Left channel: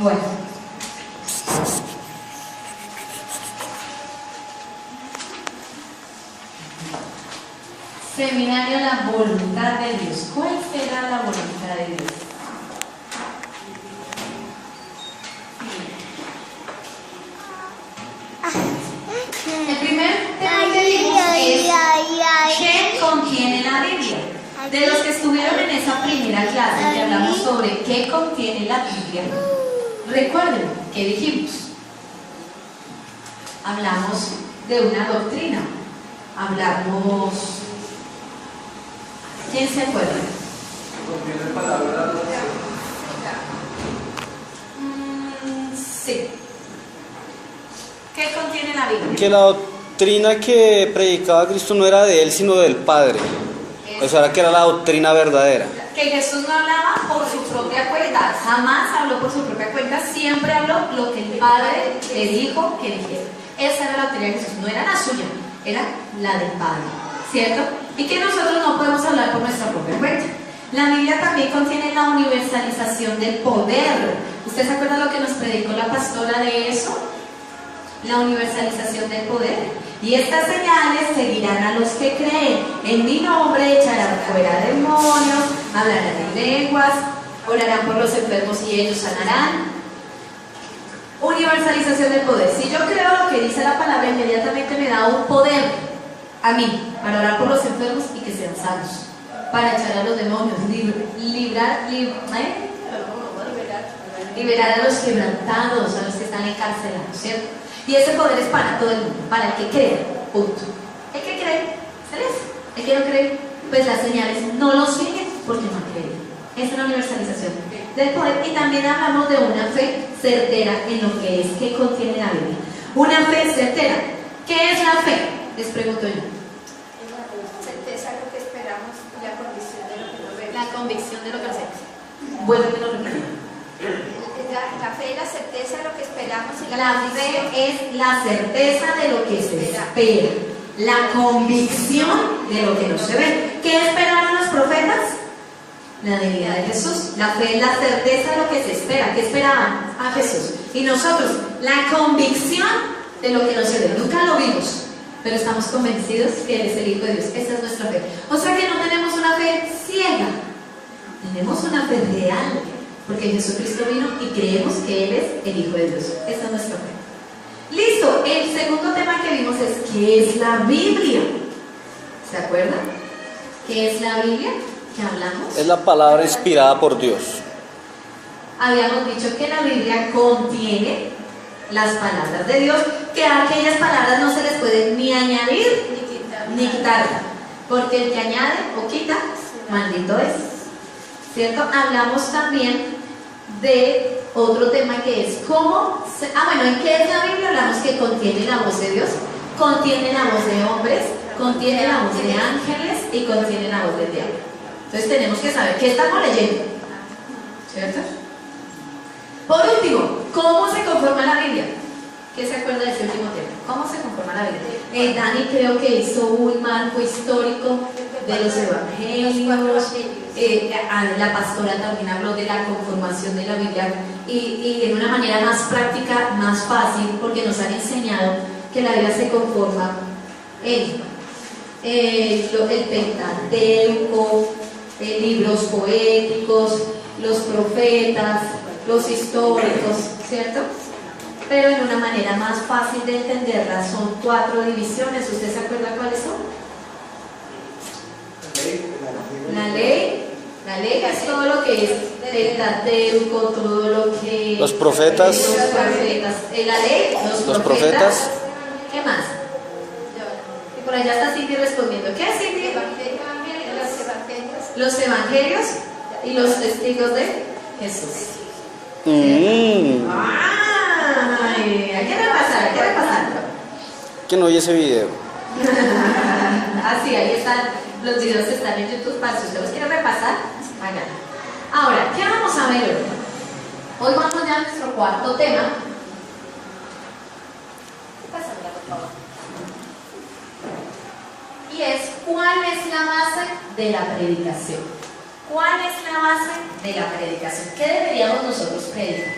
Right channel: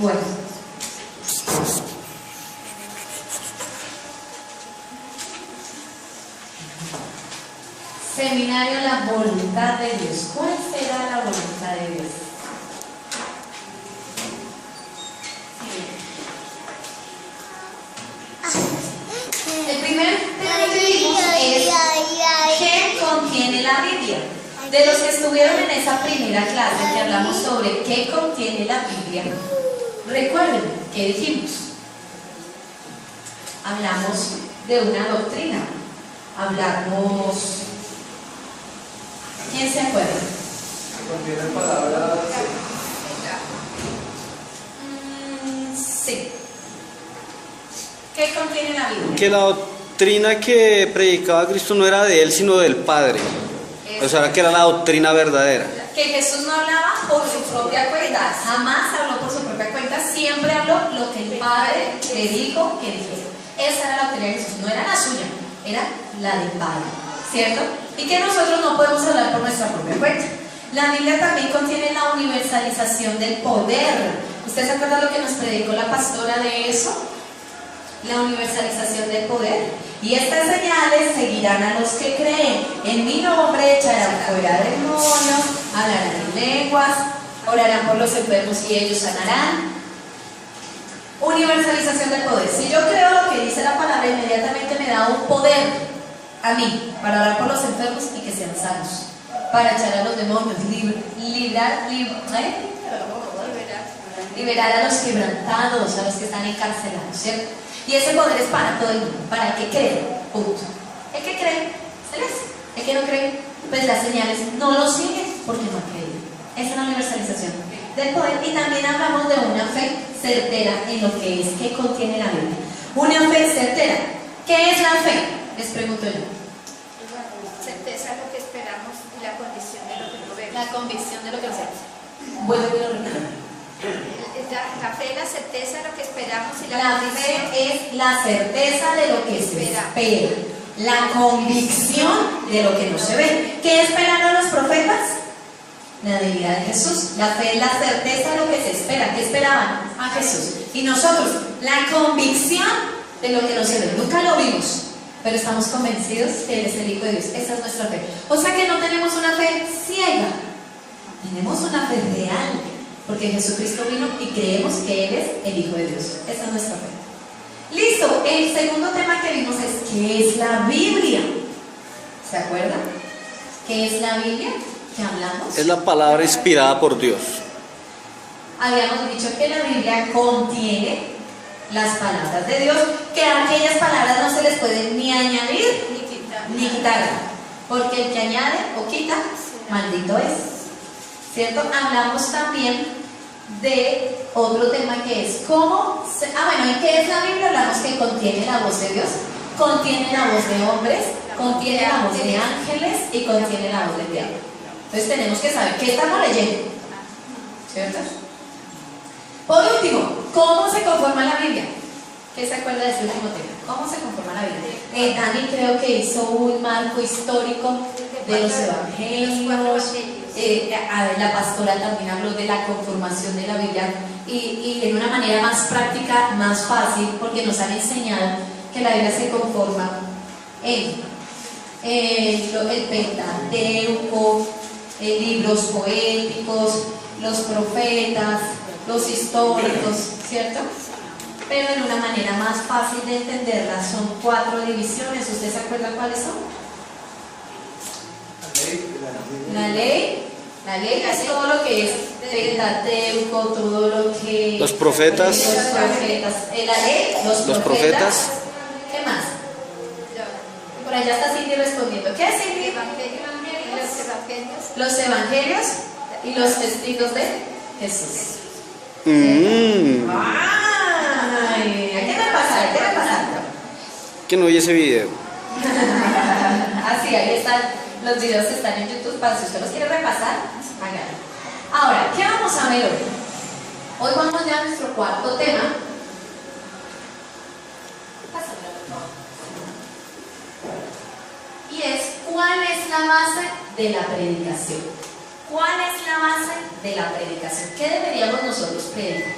Bueno. Seminario La Voluntad de Dios. ¿Cuál será la voluntad de Dios? El primer tema que vimos es ¿qué contiene la Biblia? De los que estuvieron en esa primera clase que hablamos sobre qué contiene la Biblia, recuerden que dijimos, hablamos de una doctrina, hablamos, ¿quién se acuerda? Contiene palabras. Sí. ¿Qué contiene la Biblia? Que la doctrina que predicaba Cristo no era de él, sino del Padre. O sea, que era la doctrina verdadera. Que Jesús no hablaba por su propia cuenta, jamás habló por su propia cuenta, siempre habló lo que el Padre le dijo que dijera. Esa era la doctrina de Jesús, no era la suya, era la del Padre, ¿cierto? Y que nosotros no podemos hablar por nuestra propia cuenta. La Biblia también contiene la universalización del poder. ¿Usted se acuerda lo que nos predicó la pastora de eso? La universalización del poder. Y estas señales seguirán a los que creen. En mi nombre echarán fuera demonios, hablarán en lenguas, orarán por los enfermos y ellos sanarán. Universalización del poder. Si yo creo lo que dice la palabra, inmediatamente me da un poder a mí para orar por los enfermos y que sean sanos, para echar a los demonios, liberar a los quebrantados, a los que están encarcelados, ¿cierto? Y ese poder es para todo el mundo, para el que cree, punto. El que cree, se les. El que no cree, pues las señales no lo siguen porque no creen. Esa es la universalización del poder. Y también hablamos de una fe certera en lo que es, que contiene la Biblia. Una fe certera. ¿Qué es la fe? Les pregunto yo. Es la certeza de lo que esperamos y la convicción de lo que no vemos. La convicción de lo que hacemos. Bueno, me lo repito. La fe es la certeza de lo que esperamos y La fe es la certeza de lo que se espera, la convicción de lo que no se ve. ¿Qué esperaron los profetas? La venida de Jesús. La fe es la certeza de lo que se espera. ¿Qué esperaban? A Jesús. Y nosotros, la convicción de lo que no se ve. Nunca lo vimos, pero estamos convencidos que Él es el Hijo de Dios. Esa es nuestra fe. O sea que no tenemos una fe ciega, tenemos una fe real. Porque Jesucristo vino y creemos que Él es el Hijo de Dios. Esa es nuestra fe. Listo, el segundo tema que vimos es ¿qué es la Biblia? ¿Se acuerdan? ¿Qué es la Biblia? ¿Qué hablamos? Es la palabra inspirada por Dios. Habíamos dicho que la Biblia contiene las palabras de Dios, que a aquellas palabras no se les puede ni añadir ni quitar, porque el que añade o quita, maldito es. ¿Cierto? Hablamos también de otro tema que es cómo ¿en qué es la Biblia? Hablamos que contiene la voz de Dios, contiene la voz de hombres, contiene la voz de ángeles y contiene la voz del diablo. Entonces tenemos que saber qué estamos leyendo, ¿cierto? Por último, ¿cómo se conforma la Biblia? ¿Qué se acuerda de este último tema? ¿Cómo se conforma la Biblia? Dani creo que hizo un marco histórico de los evangelios. La pastora también habló de la conformación de la Biblia y en una manera más práctica, más fácil, porque nos han enseñado que la Biblia se conforma en el Pentateuco, libros poéticos, los profetas, los históricos, ¿cierto? Pero en una manera más fácil de entenderla. Son 4 divisiones. ¿Usted se acuerda cuáles son? La ley, casi todo lo que es Pentateuco, todo lo que... Los profetas. La ley, los profetas. ¿Qué más? Y por allá está Cindy respondiendo. ¿Qué es Cindy? Los evangelios y los testigos de Jesús. Ay, hay que repasar, Que no oye ese video. Así, ahí están, los videos están en YouTube para si usted los quiere repasar, háganlo. Ahora, ¿qué vamos a ver hoy? Hoy vamos ya a nuestro cuarto tema. Pásamela, por favor. Y es, ¿cuál es la base de la predicación? ¿Cuál es la base de la predicación? ¿Qué deberíamos nosotros predicar?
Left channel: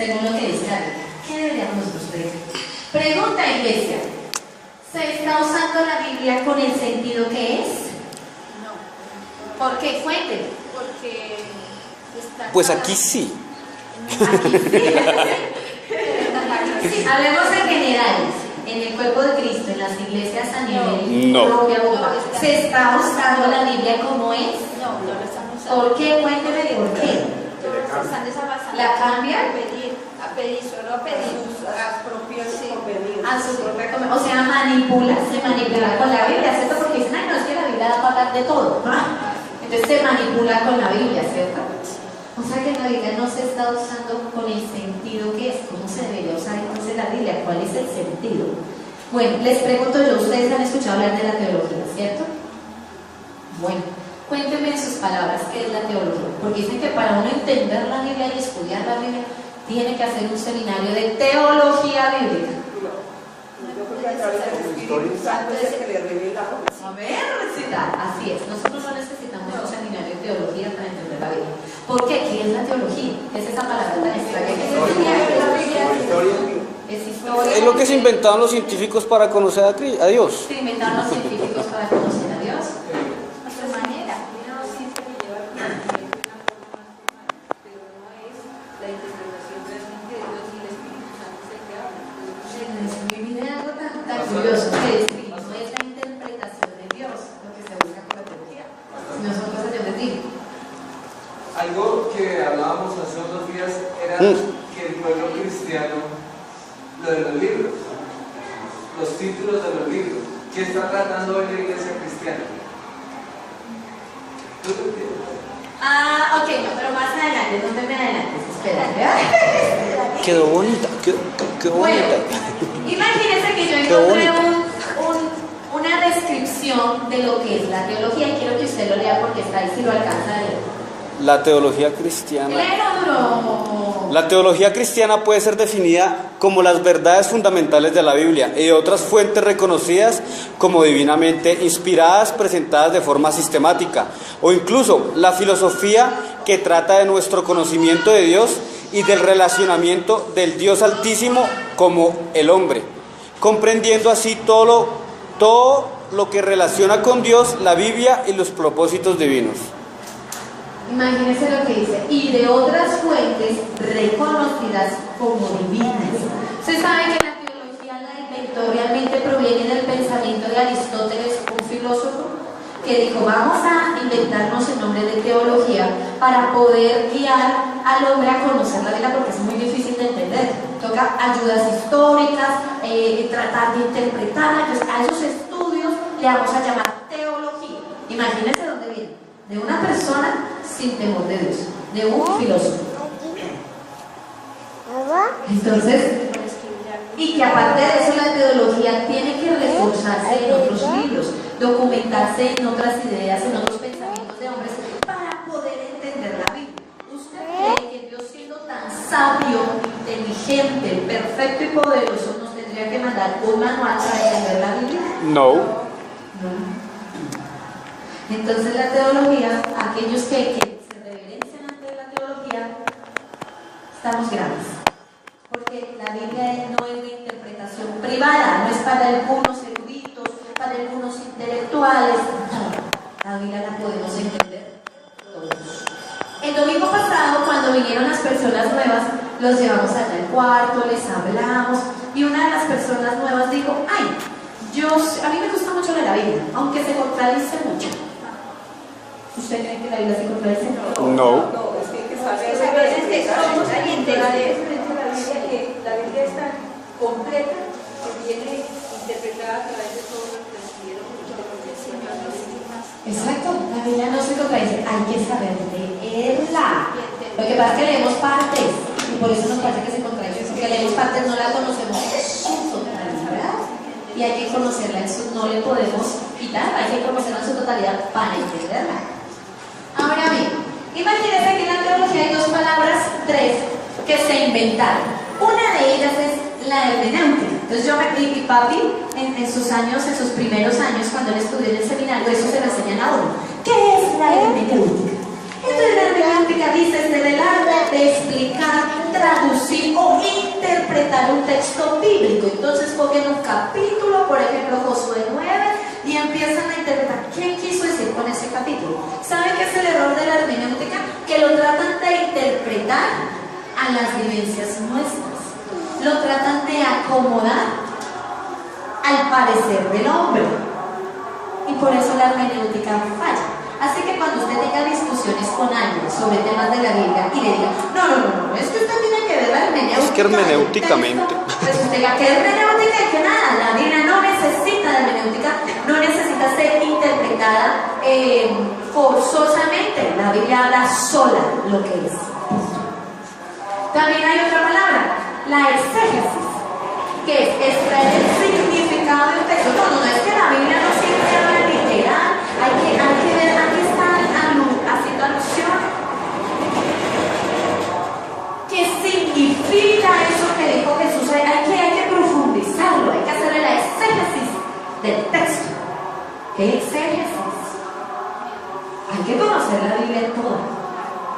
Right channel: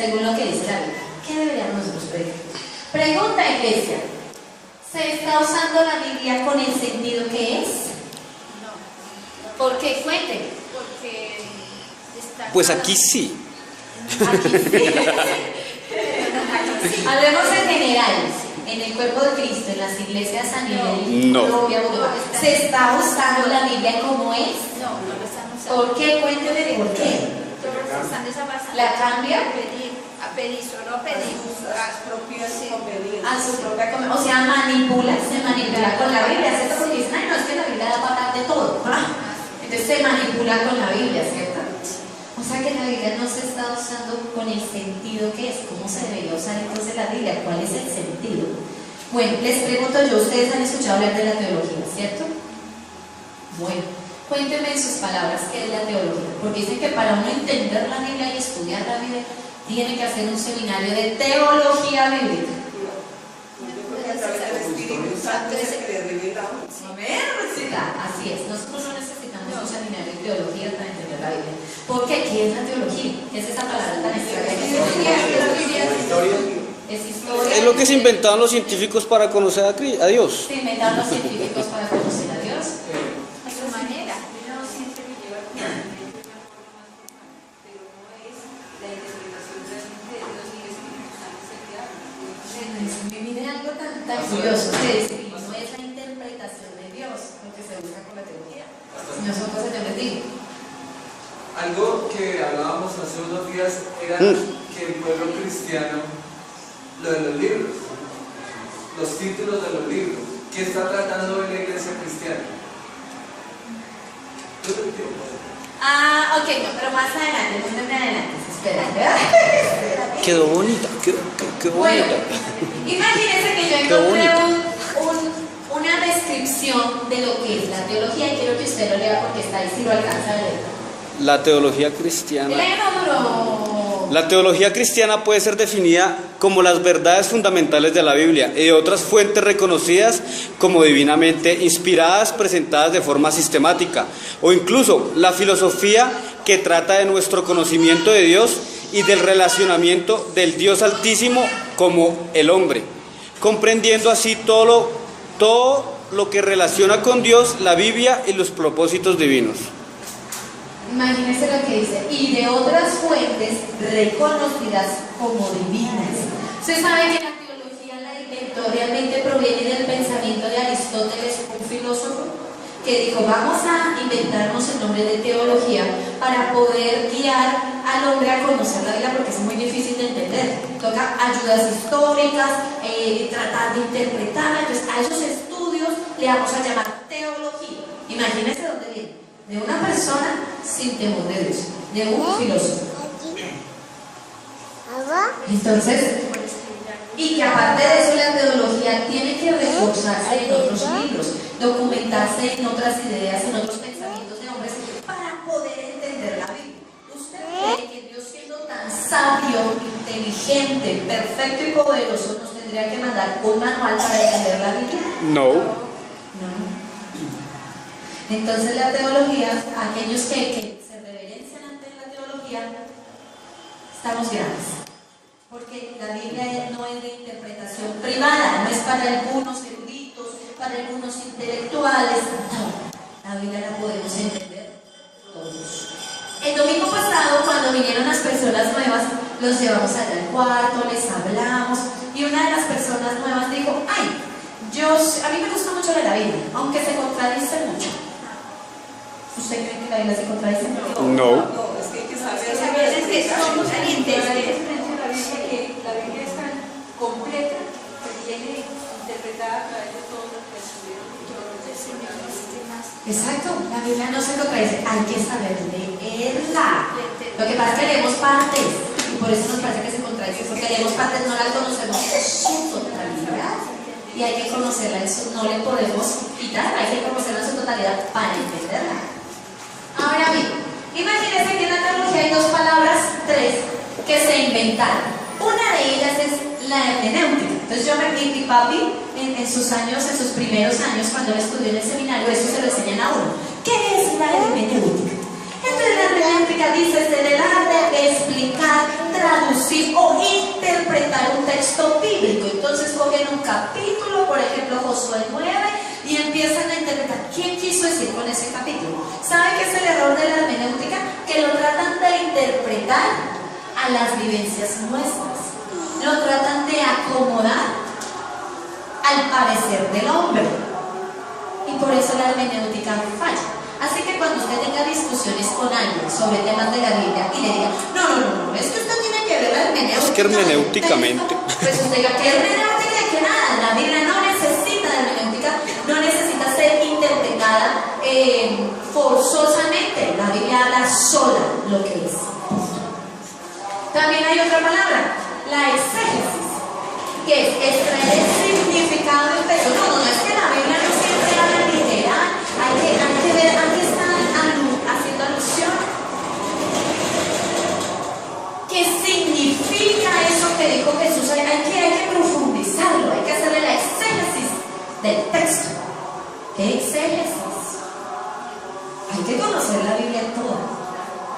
según lo que dice la Biblia. ¿Qué deberíamos nosotros predicar? Pregunta, iglesia. ¿Se está usando la Biblia con el sentido que es? No, ¿Por qué? Fuente. porque está. Pues aquí sí. Aquí sí. Hablemos en general. En el cuerpo de Cristo, en las iglesias a nivel No. Colombia, Bogotá, ¿se está usando la Biblia como es? No, no lo están usando. ¿Por qué? Cuénteme por qué. Todos están desavanzados. ¿La cambia? A pedir, solo a pedir. Las propias Sí. conveniencias. A su propia o sea, se manipula con la Biblia, ¿cierto? Porque dicen, ay, no, es que la Biblia da para hablar de todo. Entonces se manipula con la Biblia, ¿cierto? O sea que la Biblia no se está usando con el sentido que es. ¿Cómo se debería usar entonces la Biblia? ¿Cuál es el sentido? Bueno, les pregunto yo, ustedes han escuchado hablar de la teología, ¿cierto? Bueno, cuéntenme en sus palabras qué es la teología. Porque dicen que para uno entender la Biblia y estudiar la Biblia, tiene que hacer un seminario de teología bíblica. Yo creo que a través del Espíritu Santo es el que le revela. A ver, así es. Nosotros no necesitamos un seminario de teología para entender la Biblia. ¿Por qué? ¿Qué es la teología? Es esa palabra tan extraña. Es historia. Es lo que se inventaron los científicos para conocer a Dios. Se inventaron los científicos para conocer a Dios. A su manera. Miren algo tan curioso que es, no es la interpretación de Dios lo que se busca con la teología, sino son cosas que les digo. Algo que hablábamos hace unos días era que el pueblo cristiano, lo de los libros, los títulos de los libros, ¿qué está tratando hoy la iglesia cristiana? ¿Tú te entiendes? Ok, no, pero más adelante, no me adelantes, espera. Quedó bonita, quedó Bueno, bonita. imagínense que yo Qué encontré bonito. una descripción de lo que es la teología y quiero que usted lo lea porque está ahí si lo alcanza a leer. La teología cristiana. Léelo, bro. La teología cristiana puede ser definida como las verdades fundamentales de la Biblia y de otras fuentes reconocidas como divinamente inspiradas, presentadas de forma sistemática, o incluso la filosofía que trata de nuestro conocimiento de Dios y del relacionamiento del Dios Altísimo como el hombre, comprendiendo así todo lo que relaciona con Dios, la Biblia y los propósitos divinos. Imagínense lo que dice, y de otras fuentes reconocidas como divinas. Usted sabe que la teología la inventó, realmente proviene del pensamiento de Aristóteles, un filósofo, que dijo, vamos a inventarnos el nombre de teología para poder guiar al hombre a conocer la Biblia, porque es muy difícil de entender. Toca ayudas históricas, tratar de interpretarla, entonces a esos estudios le vamos a llamar teología. Imagínense dónde viene. De una persona sin temor de Dios, de un filósofo. Entonces, y que aparte de eso la teología tiene que reforzarse en otros libros, documentarse en otras ideas, en otros pensamientos de hombres para poder entender la Biblia. ¿Usted cree que Dios, siendo tan sabio, inteligente, perfecto y poderoso, nos tendría que mandar un manual para entender la Biblia? No. Entonces la teología, aquellos que se reverencian ante la teología, estamos graves. Porque la Biblia no es de interpretación privada, no es para algunos eruditos, para algunos intelectuales. No, la Biblia la podemos entender todos. El domingo pasado, cuando vinieron las personas nuevas, los llevamos allá al cuarto, les hablamos, y una de las personas nuevas dijo, ay, a mí me gusta mucho leer la Biblia, aunque se contradice mucho. ¿Usted cree que la Biblia se contradice? No. Es que hay que saber. Somos valientes. La Biblia es tan completa que viene interpretada a través de todo lo que escribieron. El Señor nos dice más. Exacto, la Biblia no se contradice, hay que saber leerla. Lo que pasa es que leemos partes y por eso nos parece que se contradice, porque leemos partes, no la conocemos en su totalidad y hay que conocerla en su, no le podemos quitar, hay que conocerla en su totalidad para entenderla. Ahora bien, imagínense que en la teología hay dos palabras, tres, que se inventaron. Una de ellas es la hermenéutica. Entonces yo me vi, mi papi, en sus años, en sus primeros años, cuando él estudió en el seminario, eso se lo enseñan a uno. ¿Qué es la hermenéutica? Entonces la hermenéutica dice, se trata de explicar, traducir a las vivencias nuestras. Lo tratan de acomodar al parecer del hombre. Y por eso la hermenéutica falla. Así que cuando usted tenga discusiones con alguien sobre temas de la Biblia y le diga, no, es que usted tiene que ver la hermenéutica. Es que hermenéuticamente. Pues usted diga, ¿qué hermenéutica y qué nada? La Biblia no necesita de hermenéutica, no necesita ser interpretada forzosamente. La Biblia habla sola lo que es. También hay otra palabra, la exégesis, que es extraer el significado del texto. No, es que la Biblia no siempre habla literal. Hay que ver, aquí están haciendo alusión. ¿Qué significa eso que dijo Jesús? Hay que profundizarlo, hay que hacerle la exégesis del texto. ¿Qué exégesis? Hay que conocer la Biblia toda.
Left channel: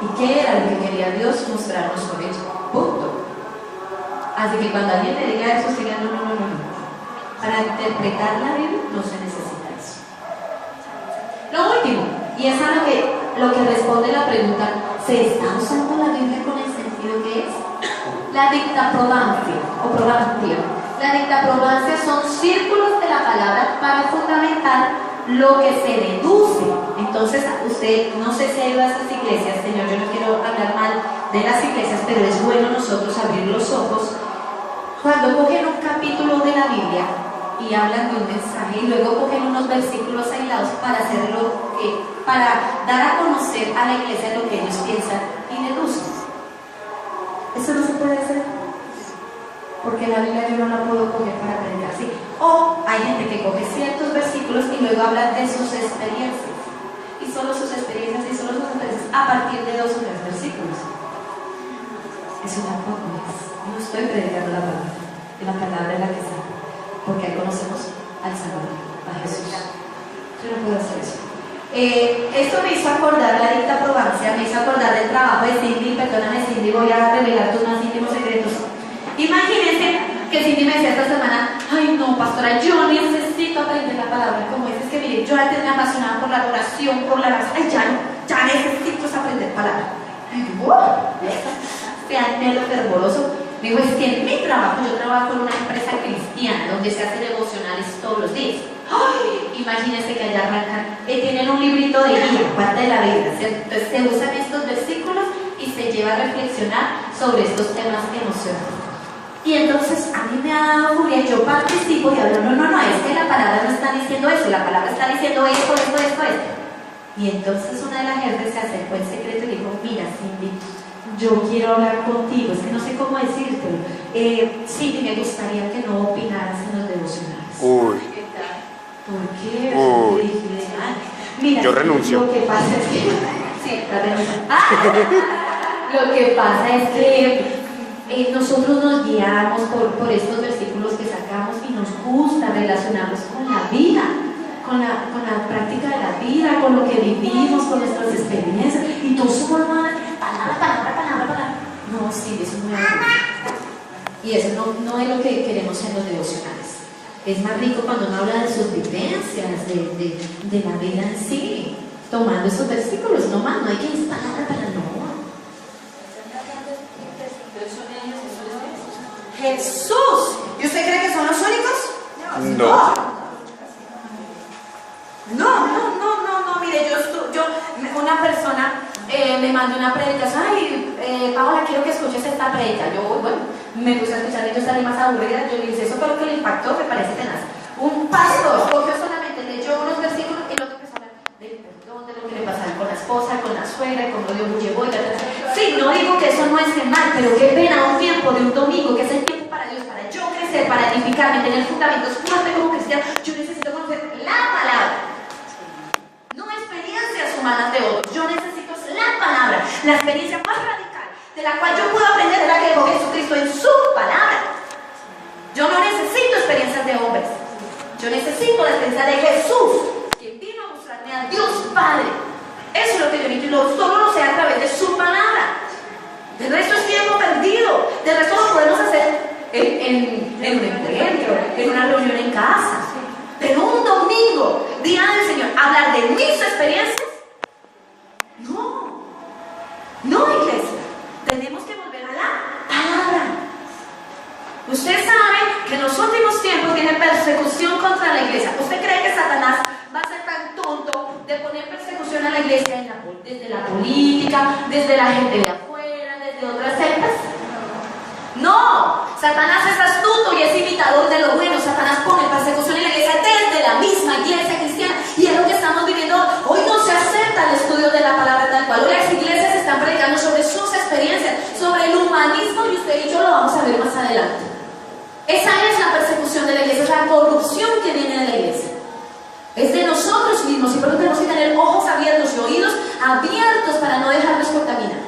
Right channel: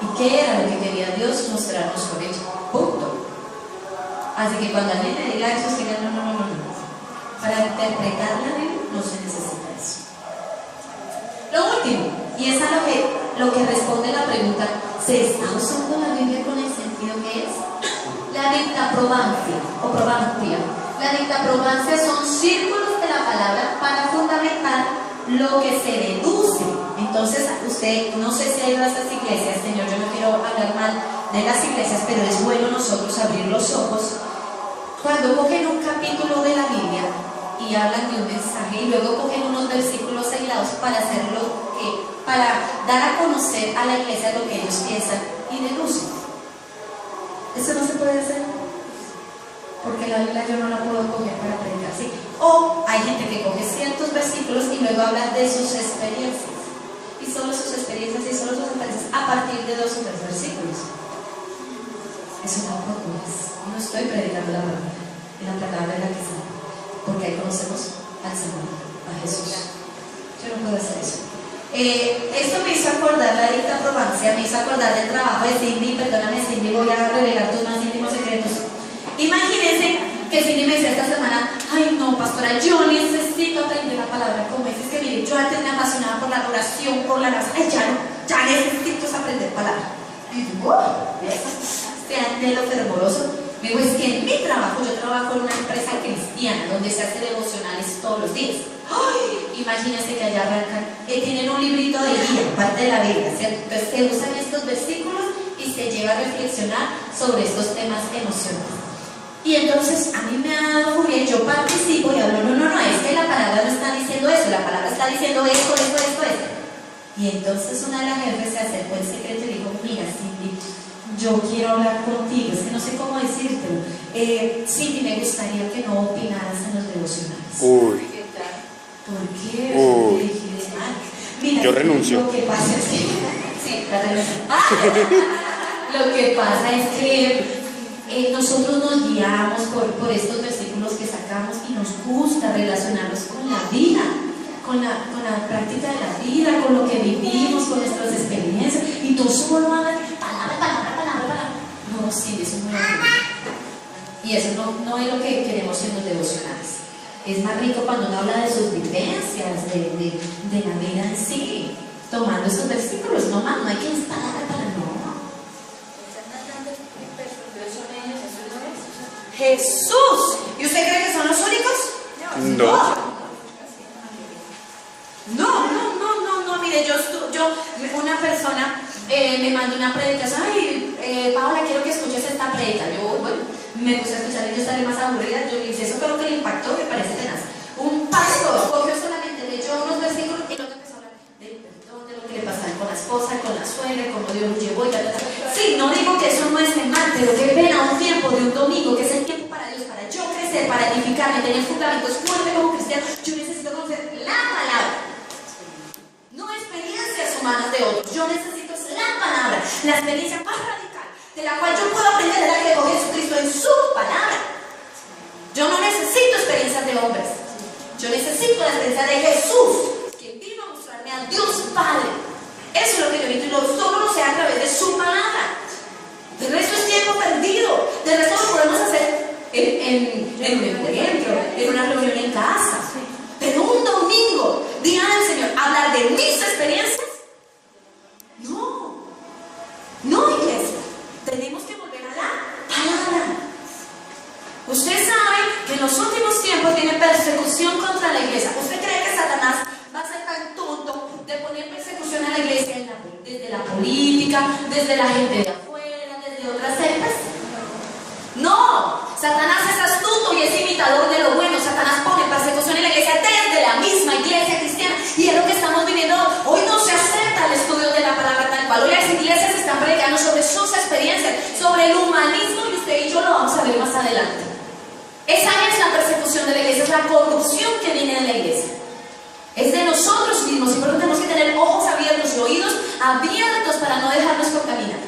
¿Y qué era lo que quería Dios mostrarnos con ella? Punto. Así que cuando alguien le diga eso, se diga no. Para interpretar la Biblia no se necesita eso. Lo último, y es a lo que responde la pregunta, ¿se está usando la Biblia con el sentido que es? La dictaprobancia o probancia. La dictaprobancia son círculos de la palabra para fundamentar lo que se deduce. Entonces, usted, no sé si ha ido a estas iglesias, señor, yo no quiero hablar mal de las iglesias, pero es bueno nosotros abrir los ojos cuando cogen un capítulo de la Biblia y hablan de un mensaje y luego cogen unos versículos aislados para hacerlo, para dar a conocer a la iglesia lo que ellos piensan y deducen. Eso no se puede hacer, porque la Biblia yo no la puedo coger para predicar así. O hay gente que coge ciertos versículos y luego habla de sus experiencias, y solo sus experiencias a partir de 2 o 3 versículos. Eso tampoco es. No estoy predicando la palabra, es la palabra de la que sea, porque ahí conocemos al Señor, a Jesús. Yo no puedo hacer eso. Esto me hizo acordar la dictaprobancia, me hizo acordar del trabajo de Cindy. Perdóname, Cindy, voy a revelar tus más íntimos secretos. Imagínense que Cindy me decía esta semana, ay no, pastora, yo necesito aprender la palabra. Como es que mire, yo antes me apasionaba por la oración, por la oración, ay ya necesito aprender palabra. Este anhelo fervoroso. Digo, es que en mi trabajo, yo trabajo en una empresa cristiana donde se hace devocionales todos los días. ¡Ay! Imagínense que allá arrancan, tienen un librito de guía, parte de la Biblia, ¿cierto? Entonces se usan estos versículos y se lleva a reflexionar sobre estos temas emocionales. Y entonces a mí me ha dado furia y yo participo y hablo, no, es que la palabra no está diciendo eso, la palabra está diciendo esto. Y entonces una de las jefes se acercó en secreto y dijo, mira, Cindy, yo quiero hablar contigo, es que no sé cómo decírtelo. Cindy, me gustaría que no opinaras en los devocionales. Uy. ¿Por qué? Uy. Dije, mira, Yo renuncio. Lo que pasa es que sí, la renuncia. Lo que pasa es que nosotros nos guiamos por estos versículos que sacamos y nos gusta relacionarlos con la vida, con la práctica de la vida, con lo que vivimos, con nuestras experiencias, y todo eso por palabra. No, sí, eso no es rico. Y eso no es lo que queremos en los devocionales. Es más rico cuando uno habla de sus vivencias, de la vida en sí, tomando estos versículos, no más, no hay que instalar para no. Jesús. ¿Y usted cree que son los únicos? No. No, mire, una persona me mandó una predicación, ay, Paola, quiero que escuches esta predica. Yo, bueno, me puse a escuchar y yo estaré más aburrida. Yo le dije, eso fue lo que le impactó, me parece tenaz. Un pastor cogió solamente, leyó unos versículos y luego empezó a hablar del perdón, de lo que le pasaba con la esposa, con la suegra, cómo Dios lo llevó y tal. Sí, no digo que eso no esté mal, pero que ven a un tiempo de un domingo, que es el tiempo para Dios, para yo crecer, para edificarme, tener fundamentos fuertes como cristiano. Yo necesito conocer la palabra, no experiencias humanas de otros. Yo necesito la palabra, la experiencia más radical de la cual yo puedo aprender es la que dejó Jesucristo en su palabra. Yo no necesito experiencias de hombres, yo necesito la experiencia de Jesús, quien vino a mostrarme a Dios Padre. Eso es lo que yo necesito, solo lo sé a través de su palabra. El resto es tiempo perdido, del resto lo podemos hacer en un encuentro, en una reunión en casa. Pero un domingo, día del Señor, hablar de mis experiencias, no, iglesia, tenemos que volver a la desde la política, desde la gente de afuera, desde otras sectas. No, Satanás es astuto y es imitador de lo bueno. Satanás pone persecución en la iglesia desde la misma iglesia cristiana, y es lo que estamos viviendo hoy. No se acepta el estudio de la palabra tal cual. Hoy las iglesias están predicando sobre sus experiencias, sobre el humanismo, y usted y yo lo vamos a ver más adelante. Esa es la persecución de la iglesia, es la corrupción que viene de la iglesia. Es de nosotros mismos, y por eso tenemos que tener ojos abiertos y oídos abiertos para no dejarnos contaminar.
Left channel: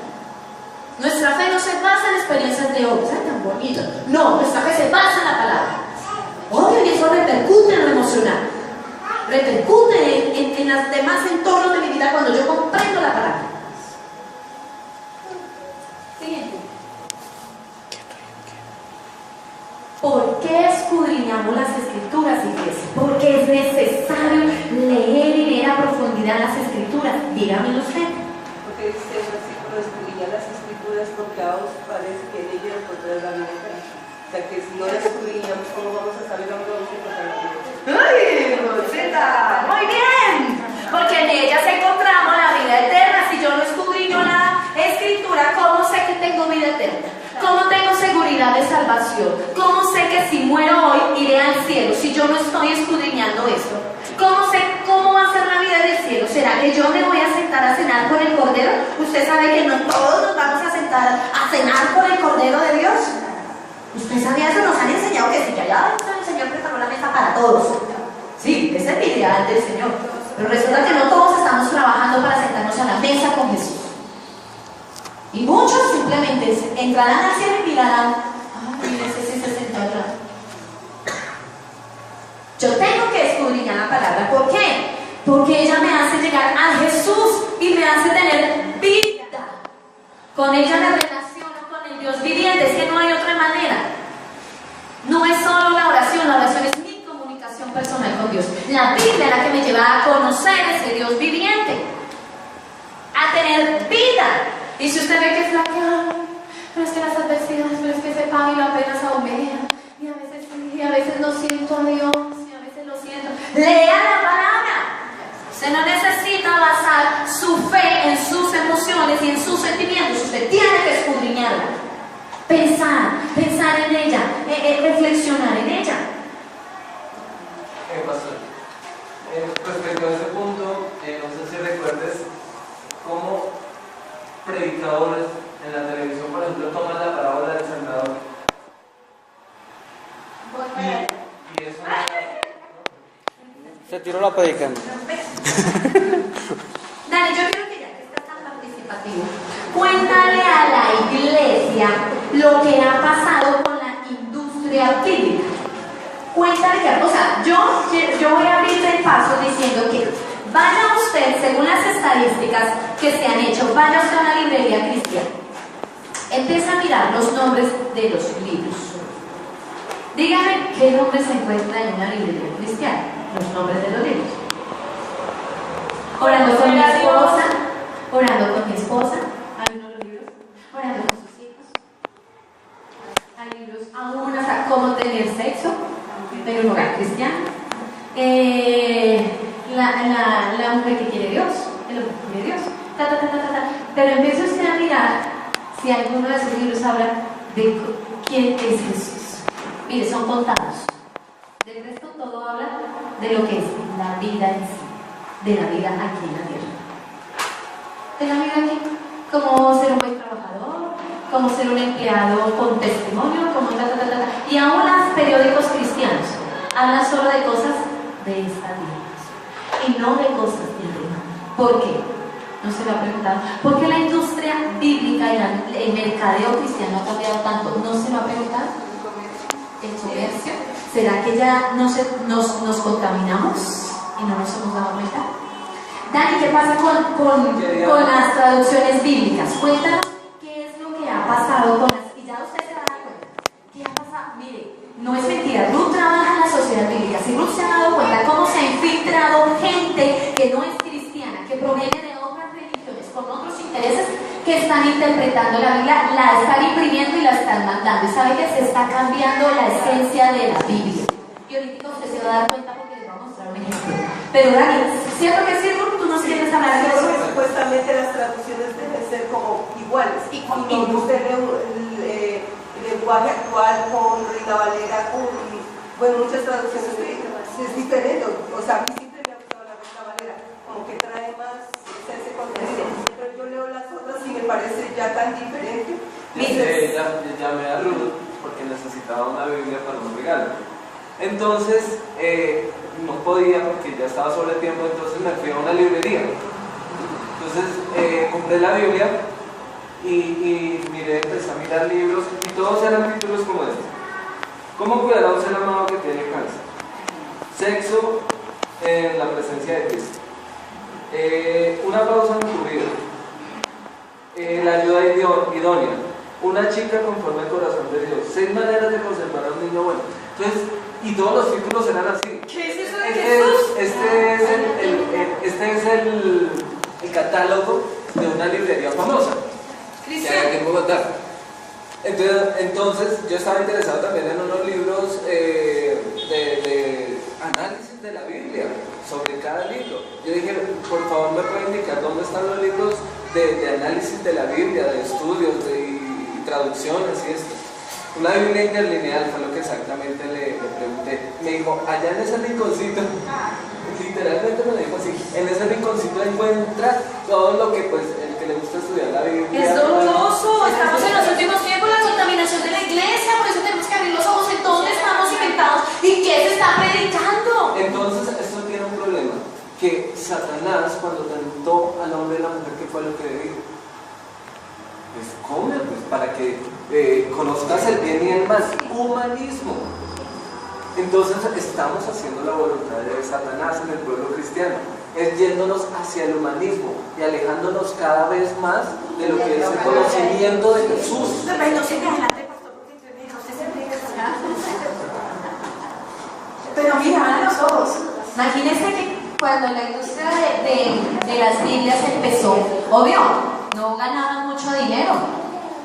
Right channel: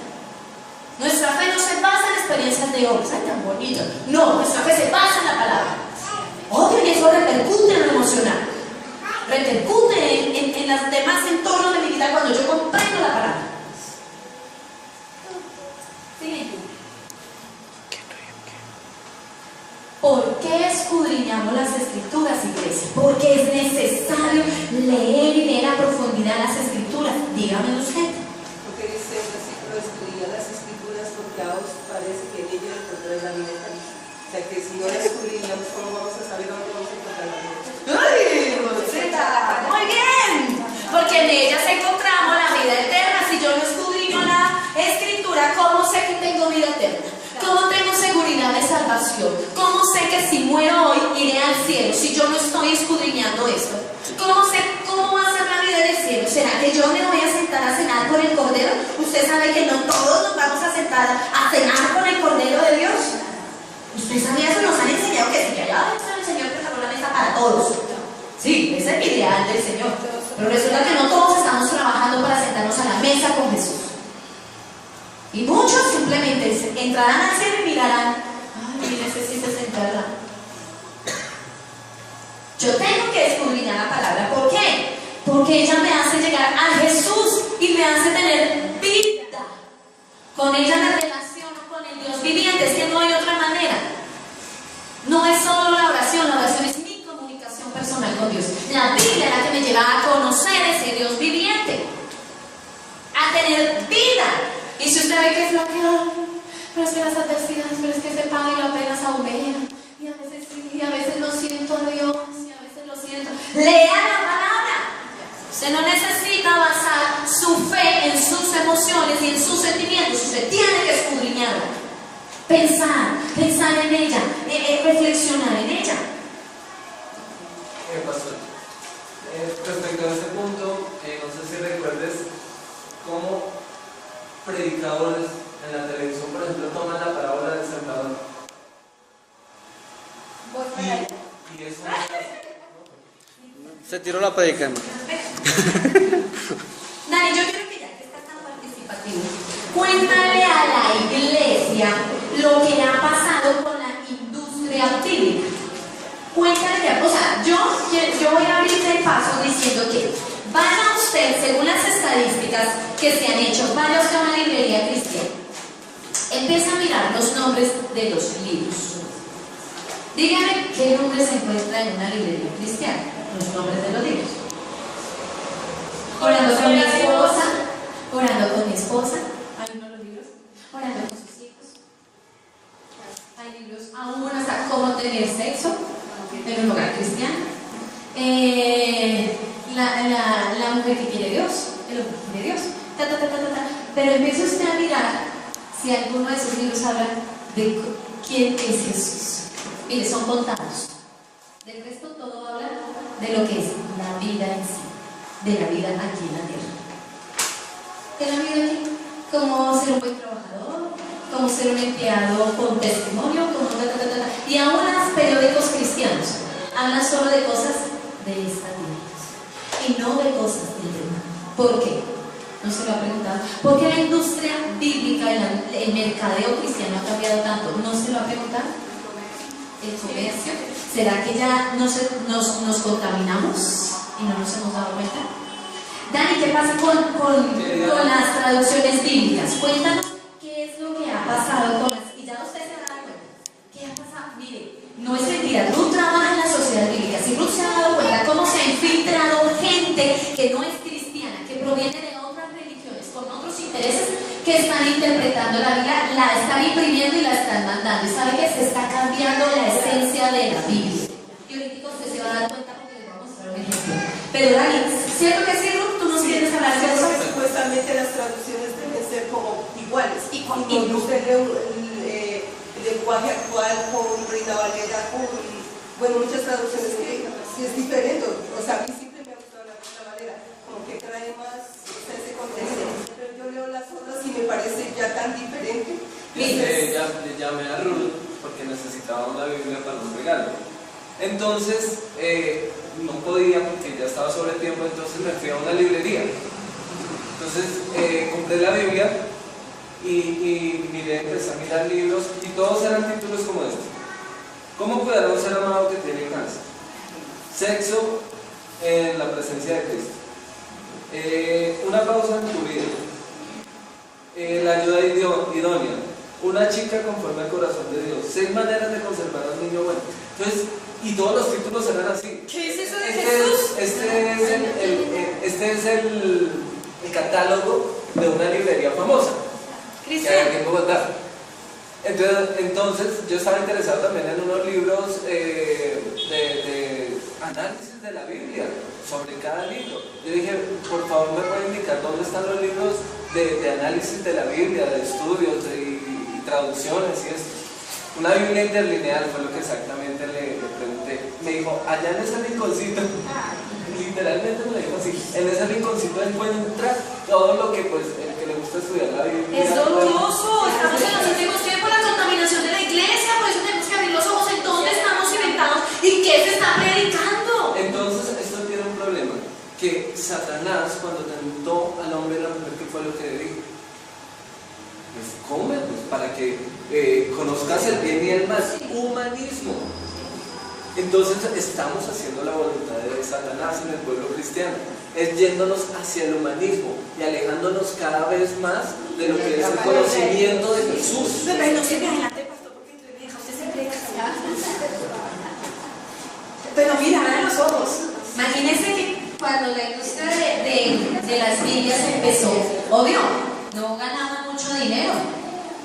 Nuestra fe no se basa en experiencias de hoy, ¿sabes? Tan bonito. No, nuestra fe se basa en la palabra. Obvio, y eso repercute en lo emocional, repercute en los demás entornos de mi vida cuando yo comprendo la palabra. Siguiente. ¿Por qué escudriñamos las escrituras, iglesia? Porque es necesario leer y leer a profundidad las escrituras. Dígame usted. Porque dice el versículo: escudriñad las escrituras porque a os parece que en ellas encontráis la vida eterna. O sea que si no las escudriñamos, ¿cómo vamos a saber dónde vamos a encontrar la vida eterna? ¡Ay, Rosita! ¡Muy bien! Porque en ellas encontramos la vida eterna. Si yo no escudriño la escritura, ¿cómo sé que tengo vida eterna? ¿Cómo tengo seguridad de salvación? ¿Cómo sé que si muero hoy iré al cielo si yo no estoy escudriñando esto? ¿Cómo sé cómo va a ser la vida del cielo? ¿Será que yo me voy a sentar a cenar con el Cordero? Usted sabe que no todos nos vamos a sentar a cenar con el Cordero de Dios. ¿Usted sabía eso? Nos han enseñado que sí, que allá el Señor preparó la mesa para todos. Sí, ese es el ideal del Señor. Pero resulta que no todos estamos trabajando para sentarnos a la mesa con Jesús. Y muchos simplemente entrarán al cielo y mirarán: ay, mire, ese sí se sentó allá. Yo tengo que escudriñar la palabra. ¿Por qué? Porque ella me hace llegar a Jesús y me hace tener vida. Con ella me relaciono con el Dios viviente. Es que no hay otra manera. No es solo la oración es mi comunicación personal con Dios. La Biblia es la que me lleva a conocer ese Dios viviente, a tener vida. Y si usted ve que flaquea, pero es que las adversidades, pero es que ese pan y la pena se aumentan, y a veces sí, y a veces no siento a Dios, y a veces lo siento. Lea la palabra. Usted no necesita basar su fe en sus emociones y en sus sentimientos. Usted tiene que escudriñarla, pensar en ella, reflexionar en ella. Pastor, respecto a ese punto, no sé si recuerdes cómo predicadores en la televisión, por ejemplo, toman la parábola del sembrador. Y eso Se tiró la predicando. Dani, yo quiero que ya que estás tan participativo, cuéntale a la iglesia lo que ha pasado con la industria bíblica. Cuéntale que, o sea, yo voy a abrirte el paso diciendo que vaya usted, según las estadísticas que se han hecho, vaya usted a una librería cristiana, empieza a mirar los nombres de los libros. Dígame qué nombre se encuentra en una librería cristiana. Los nombres de los libros. Orando con mi esposa, hay uno de los libros, orando con sus hijos. Hay libros aún hasta cómo tener sexo en un hogar cristiano. La mujer que quiere Dios, el hombre que quiere Dios. Pero empiece usted a mirar si alguno de esos libros habla de quién es Jesús. Mire, son contados. Del resto todo habla de lo que es la vida en sí, de la vida aquí en la tierra. De la vida aquí, como ser un buen trabajador, como ser un empleado con testimonio, como y aún los periódicos cristianos hablan solo de cosas de esta vida y no de cosas del tema. ¿Por qué? ¿No se lo ha preguntado? ¿Por qué la industria bíblica y el mercadeo cristiano ha cambiado tanto? ¿No se lo ha preguntado? ¿El comercio? ¿Será que ya nos contaminamos y no nos hemos dado cuenta? Dani, ¿qué pasa con las traducciones bíblicas? Cuéntanos qué es lo que ha pasado con las... Y ya usted se da cuenta. ¿Qué ha pasado? Mire, no es mentira. Ruth trabaja en la sociedad bíblica. Si Ruth se ha dado cuenta cómo se ha infiltrado gente que no es cristiana, que proviene de otras religiones, con otros intereses, que están interpretando la Biblia, la están imprimiendo y la están mandando. Y sabe que se está cambiando la esencia de la Biblia. Y ahorita usted se va a dar cuenta porque les voy a mostrar un ejemplo. Pero Dani, ¿cierto que sí, Ruth? ¿Tú nos quieres hablar de eso? Supuestamente supuestamente las traducciones deben ser como iguales. Y cuando usted lee el lenguaje actual con Reina Valera, con, bueno, muchas traducciones que es diferente. O sea, a mí siempre me ha gustado la Reina Valera, como que trae más ese contexto. Pero yo leo las otras y me parece ya tan diferente. Llamé a Rulo porque necesitaba una Biblia para un regalo. Entonces, no podía porque ya estaba sobre tiempo, entonces me fui a una librería. Entonces, compré la Biblia y miré, empecé a mirar libros y todos eran títulos como este. ¿Cómo cuidar a un ser amado que tiene cáncer? Sexo en la presencia de Cristo. Una pausa en tu vida. La ayuda idónea. Una chica conforme al corazón de Dios. 6 maneras de conservar a un niño bueno. Entonces, y todos los títulos eran así. ¿Qué es eso de Jesús? Este es el catálogo de una librería famosa que hay aquí en Bogotá. Entonces, yo estaba interesado también en unos libros de análisis de la Biblia, sobre cada libro. Yo dije, por favor, ¿me puede indicar dónde están los libros de análisis de la Biblia, de estudios y traducciones y esto? Una Biblia interlineal fue lo que exactamente le pregunté. Me dijo, allá en ese rinconcito, literalmente me dijo así, en ese rinconcito encuentra todo lo que pues el que le gusta estudiar la Biblia. Es doloroso, estamos en los últimos tiempos, la contaminación de la iglesia, por eso tenemos que abrir los ojos en dónde estamos inventados y qué se está predicando. Entonces, esto tiene un problema, que Satanás cuando tentó al hombre y a la mujer, ¿qué fue lo que le dijo? Pues come, pues para que conozcas el bien y el mal. Humanismo. Entonces estamos haciendo la voluntad de Satanás en el pueblo cristiano, es yéndonos hacia el humanismo y alejándonos cada vez más de lo que es el conocimiento de Jesús. No se me adelante, pastor, porque usted me dijo, usted se predica. Pero mira, abran los ojos. Imagínense que cuando la industria de las Biblias empezó, obvio, no ganaban mucho dinero,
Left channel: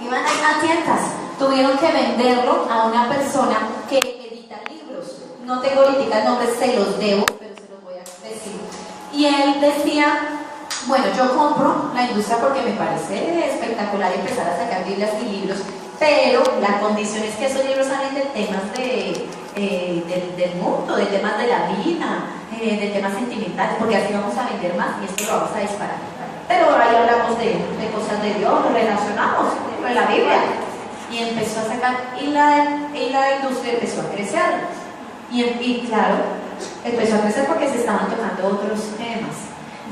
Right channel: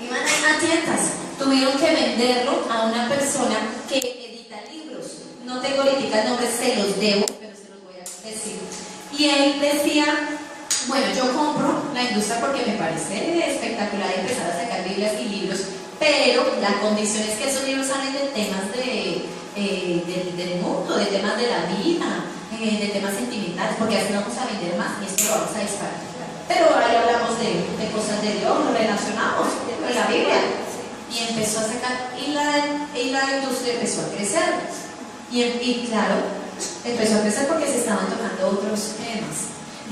iban a unas tiendas, tuvieron que venderlo a una persona que edita libros. No tengo ahorita el nombre, se los debo, pero se los voy a decir. Y él decía, bueno, yo compro la industria porque me parece espectacular empezar a sacar Biblias y libros, pero la condición es que esos libros salen de temas del mundo, de temas de la vida, de temas sentimentales, porque así vamos a vender más y esto lo vamos a disparar. Pero ahí hablamos de cosas de Dios, relacionados con la Biblia. Y empezó a sacar, y la industria empezó a crecer. Y claro, empezó a crecer porque se estaban tocando otros temas.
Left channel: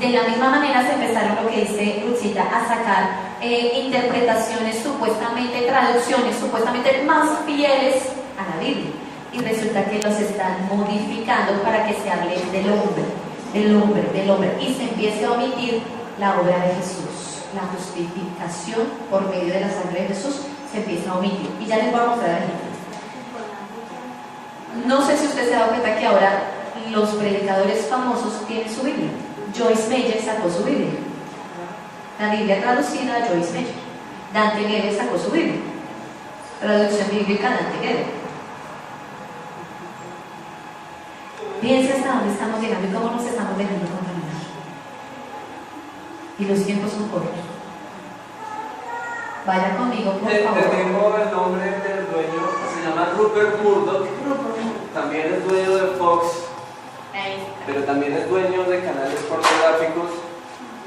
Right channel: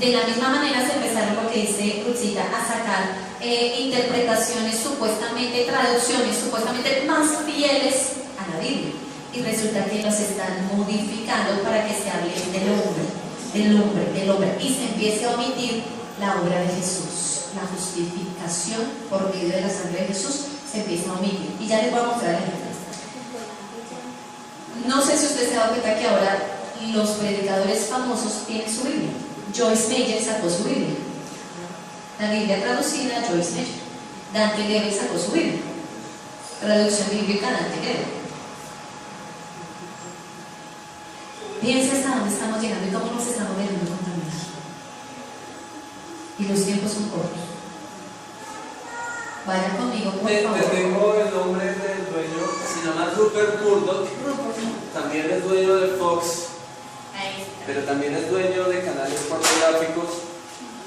De la misma manera se empezaron, lo que dice Rutzita, a sacar interpretaciones supuestamente, traducciones supuestamente más fieles a la Biblia. Y resulta que los están modificando para que se hable del hombre. Y se empiece a omitir la obra de Jesús. La justificación por medio de la sangre de Jesús se empieza a omitir. Y ya les voy a mostrar ejemplos. No sé si usted se da cuenta que ahora los predicadores famosos tienen su Biblia. Joyce Meyer sacó su Biblia. La Biblia traducida, Joyce Meyer. Dante Gebel sacó su Biblia. Traducción bíblica, Dante Gebel. Piensa hasta dónde estamos llegando y cómo nos estamos dejando contaminar. Y los tiempos son cortos. Vaya conmigo, por favor. Te tengo el nombre del dueño, se llama Rupert Murdoch. También es dueño de Fox, pero también es dueño de canales pornográficos.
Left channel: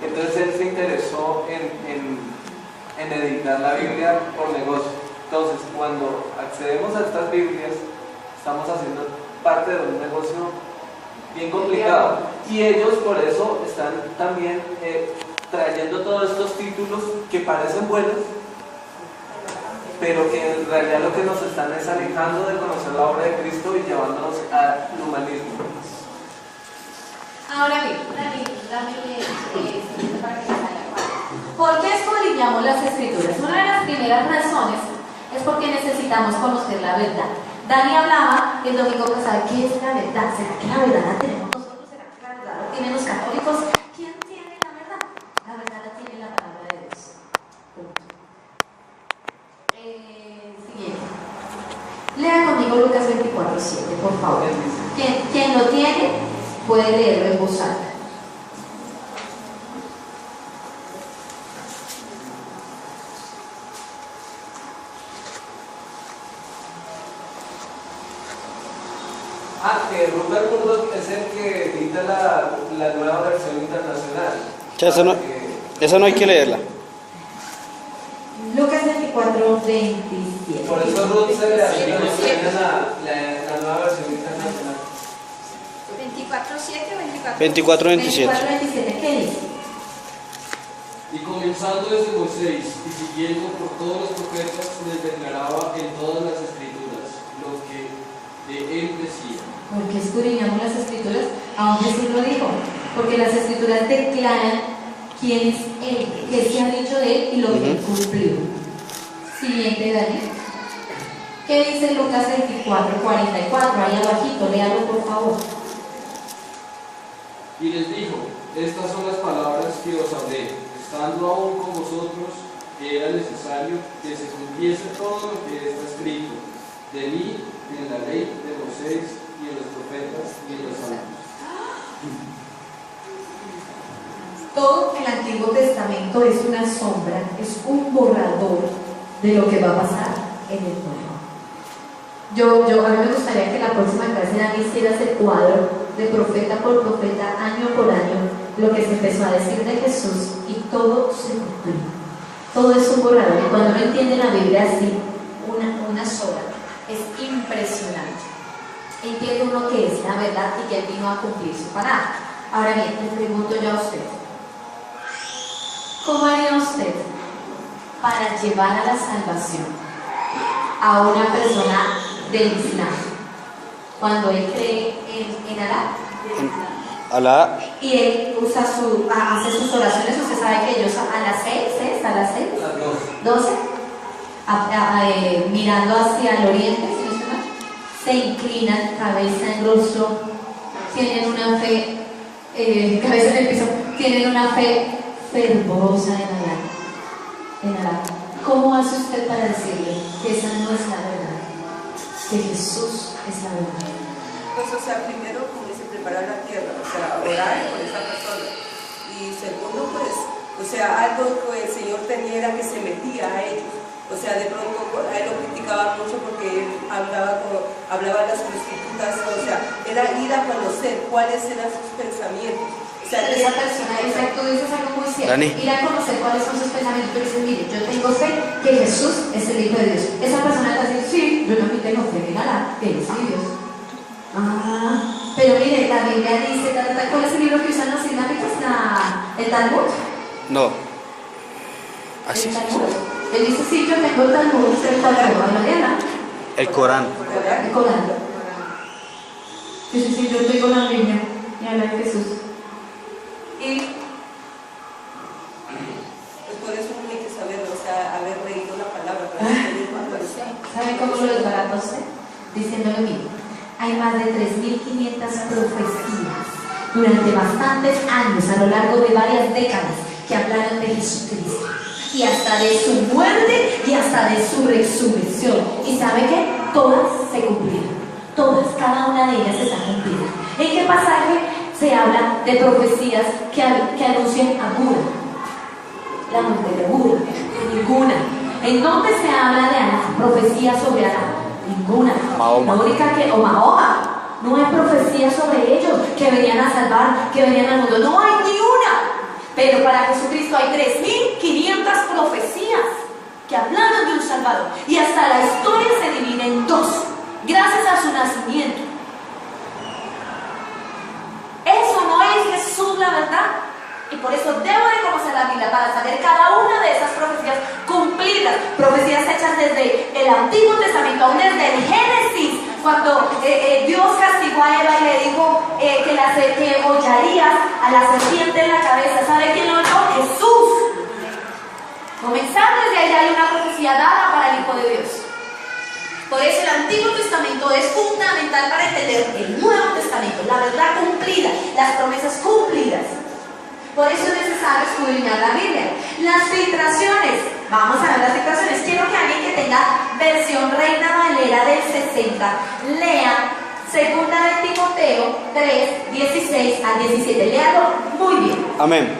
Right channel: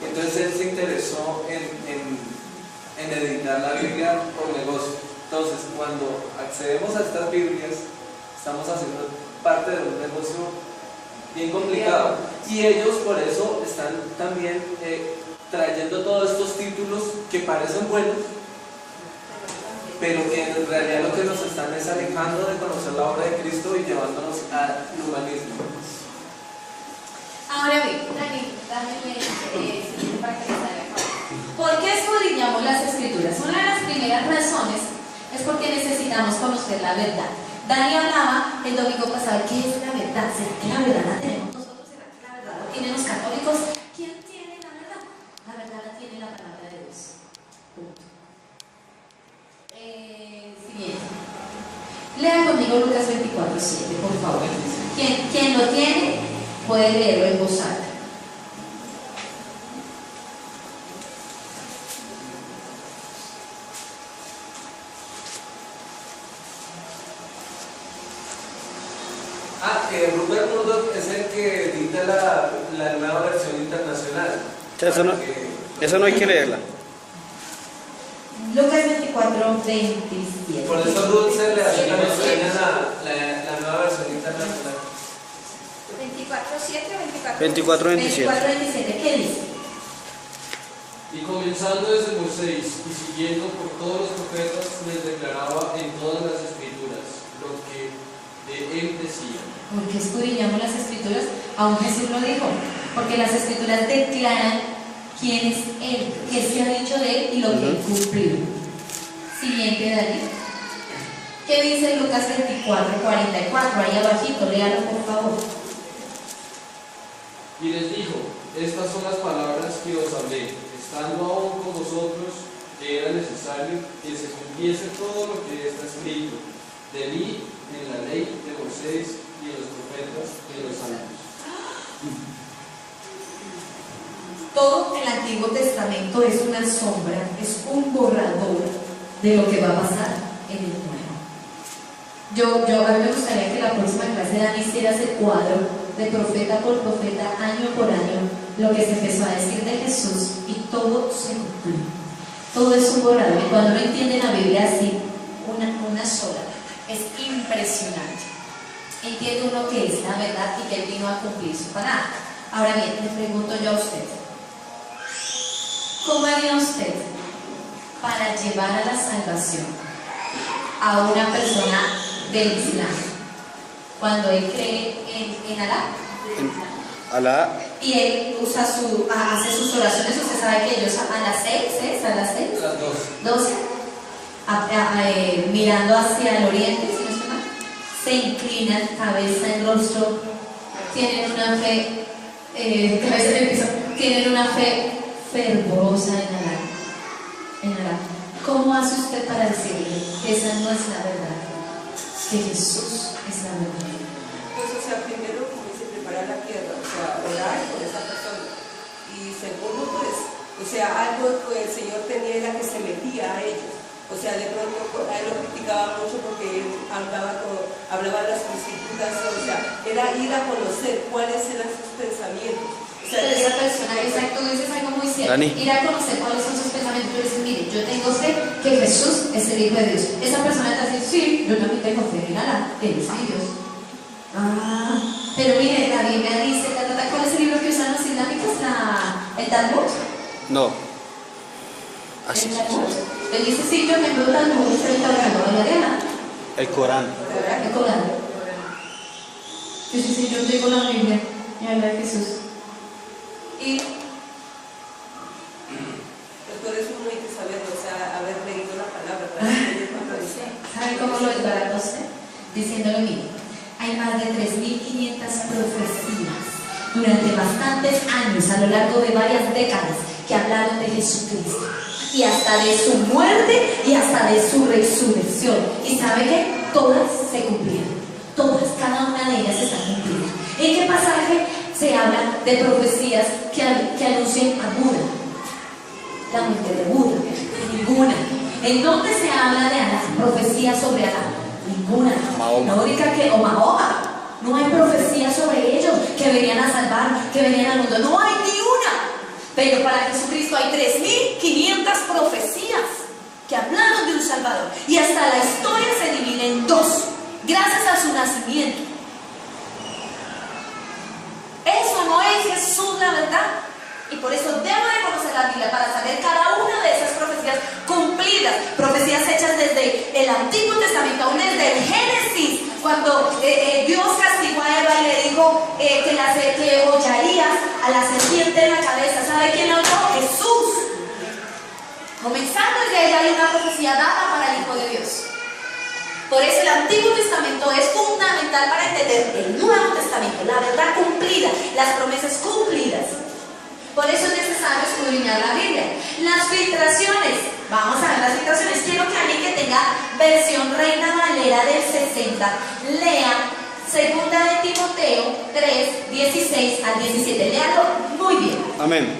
Entonces él se interesó en editar la Biblia por negocio. Entonces, cuando accedemos a estas Biblias, estamos haciendo parte de un negocio bien complicado. Y ellos por eso están también trayendo todos estos títulos que parecen buenos, pero que en realidad lo que nos están es alejando de conocer la obra de Cristo y llevándonos al humanismo. Ahora bien, dame para que salga. ¿Por qué escudriñamos las Escrituras? Una de las primeras razones es porque necesitamos conocer la verdad. Dani hablaba el domingo pasado, ¿qué es la verdad? ¿Será que la verdad la tenemos nosotros? ¿Será que la verdad la tienen los católicos? ¿Quién tiene la verdad? La verdad la tiene la palabra de Dios. Punto. Siguiente. Lea conmigo Lucas 24:7, por favor. Quien lo tiene puede leerlo en voz alta. Rupert Murdoch es el que edita la nueva versión internacional. O sea, eso no hay que leerla. Lucas 24, 27. Por eso Ruth se le hace la nueva versión internacional. 24:7 o 24, 27. 24, 27, ¿qué dice? Y comenzando desde Moisés y siguiendo por todos los profetas, les declaraba en todas las escrituras lo que de él decía. Porque escudriñamos las escrituras, aún Jesús lo dijo, porque las escrituras declaran quién es él, qué se ha dicho de él y lo que él cumplió. Siguiente, Daniel. ¿Qué dice Lucas 24, 44? Ahí abajito, léalo por favor. Y les dijo, estas son las palabras que os hablé, estando aún con vosotros, que era necesario que se cumpliese todo lo que está escrito de mí en la ley de Moisés y en los profetas y en los salmos. Todo el Antiguo Testamento es una sombra, es un borrador de lo que va a pasar en el Nuevo. A mí me gustaría que la próxima clase Dani hiciera ese cuadro de profeta por profeta, año por año, lo que se empezó a decir de Jesús y todo se cumplió. Todo es un borrador y cuando uno entiende la Biblia así, una sola, es impresionante. Entiende uno que es la verdad y que Él vino a cumplir su palabra. Ahora bien, le pregunto yo a usted, ¿cómo haría usted para llevar a la salvación a una persona del Islam cuando él cree en Alá? Alá, Y él hace sus oraciones, usted sabe que ellos a las 6, Las 12. mirando hacia el oriente, si no estoy mal, se inclinan cabeza en rostro, tienen una fe, cabeza en el piso, tienen una fe fervorosa en Alá. ¿Cómo hace usted para decirle que esa no es la verdad? Que Jesús es la verdad. Pues, o sea, primero, como dice, preparar la tierra, o sea, orar por esa persona. Y segundo, pues, o sea, algo que el Señor tenía era que se metía a ellos. O sea, de pronto a él lo criticaba mucho porque él hablaba de las prostitutas, o sea, era ir a conocer cuáles eran sus pensamientos. O sea, pero esa persona, tú dices algo muy cierto, Dani. ir a conocer cuáles son sus pensamientos. Yo le dices, mire, yo tengo fe que Jesús es el Hijo de Dios. Esa persona te dice, sí, yo también tengo fe en Alá, que Él es mi Dios. Pero mire, la Biblia dice, ¿cuál es el libro que usan los islámicos? ¿El Talmud? no. Así. El Talmud. Él dice, sí, yo tengo el Talmud, es el Corán, ¿no? El Corán. El Corán. Sí, yo tengo la Biblia y habla de Jesús. Y pues por eso uno hay que saber, o sea, haber leído la palabra. ¿sabe cómo lo desbarató usted? Diciéndole, mire, hay más de 3.500 profecías durante bastantes años, a lo largo de varias décadas, que hablaron de Jesucristo y hasta de su muerte y hasta de su resurrección. ¿Y sabe qué? Todas se cumplieron. Todas, cada una de ellas está cumplida. ¿En qué pasaje se habla de profecías que anuncian a Buda? La muerte de Buda. Ninguna. ¿En dónde se habla de Alá? Profecías sobre Alá. Ninguna. Mahoma. La única que, o Mahoma, no hay profecías sobre ellos que venían a salvar, que venían al mundo. No hay ni una. Pero para Jesucristo hay 3.500 profecías que hablaron de un Salvador. Y hasta la historia se divide en dos, gracias a su nacimiento. Eso no es Jesús, la verdad. Y por eso debo de conocer la Biblia para saber cada una de esas profecías cumplidas, profecías hechas desde el Antiguo Testamento, aún desde el Génesis, cuando Dios castigó a Eva y le dijo que hollarías a la serpiente en la cabeza. ¿Sabe quién oyó? Jesús. Comenzando desde allá hay una profecía dada para el Hijo de Dios. Por eso el Antiguo Testamento es fundamental para entender el Nuevo Testamento, la verdad cumplida, las promesas cumplidas. Por eso es necesario escudriñar la Biblia. Las filtraciones, vamos a ver las filtraciones. Quiero que alguien que tenga versión Reina Valera del 60 lea 2 de Timoteo 3, 16 al 17. Léalo muy bien. Amén.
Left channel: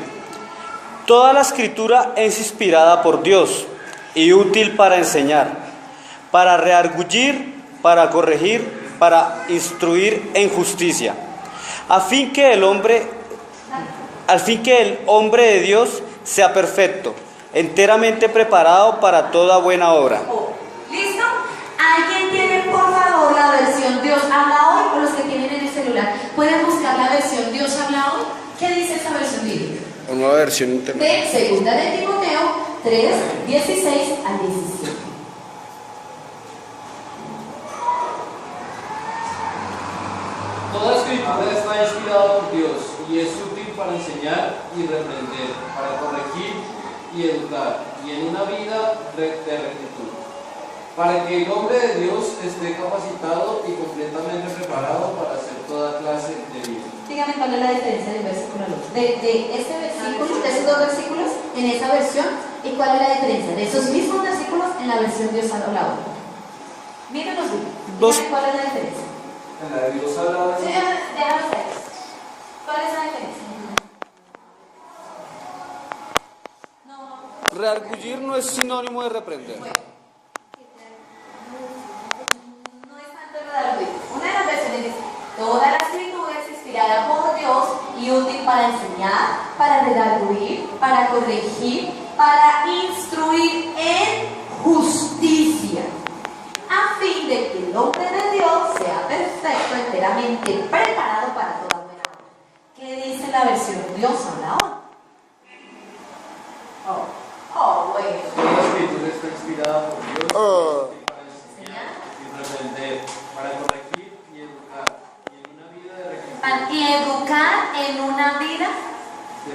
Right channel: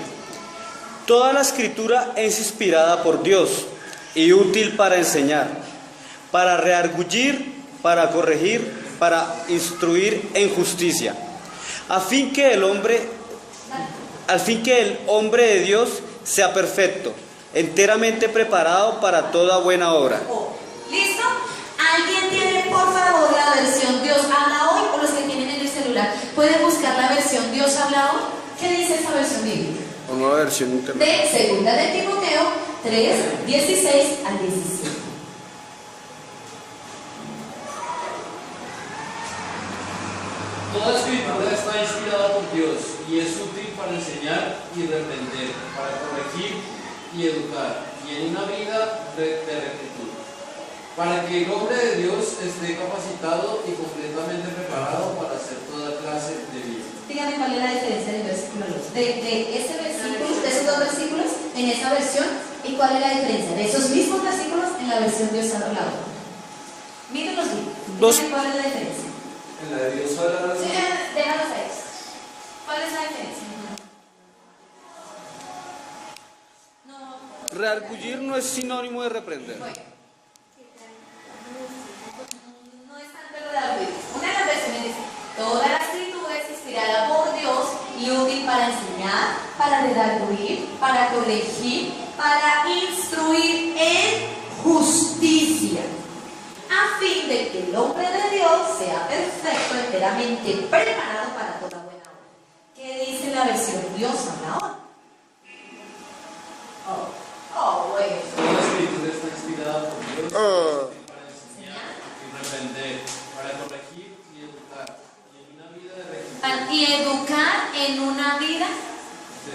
Toda la escritura es inspirada por Dios y útil para enseñar, para redarguir, para corregir, para instruir en justicia, al fin que el hombre de Dios sea perfecto, enteramente preparado para toda buena obra. ¿Listo? ¿Alguien tiene, por favor, la versión Dios habla hoy? O los que tienen en el celular, ¿pueden buscar la versión Dios habla hoy? ¿Qué dice esa versión bíblica? Una nueva versión interna. De segunda de Timoteo 3, 16 al 17. Toda escritura está inspirada por Dios y es útil para enseñar y reprender, para corregir y educar, y en una vida de rectitud, para que el hombre de Dios esté capacitado y completamente preparado para hacer toda clase de vida. Díganme cuál es la diferencia del versículo al otro. De ese versículo, de esos dos versículos, en esa versión, y cuál es la diferencia de esos mismos versículos en la versión Dios ha hablado. Mírenlos bien. Díganme cuál es la diferencia. En la de Dios hablaba Sí, así. déjalo ustedes. ¿Cuál es la diferencia? No. Reargullir no es sinónimo de reprender. Bueno. No es tanto redarguir. Una de las versiones dice: toda la escritura es inspirada por Dios y útil para enseñar, para redarguir, para corregir, para instruir en justicia, a fin de que el hombre de Dios sea perfecto, enteramente preparado para toda buena obra. ¿Qué dice la versión Dios habla hoy? Bueno. Toda escritura está inspirada por Dios y es útil para enseñar y reprender, para corregir y educar, y en una vida de rectitud. Y educar en una vida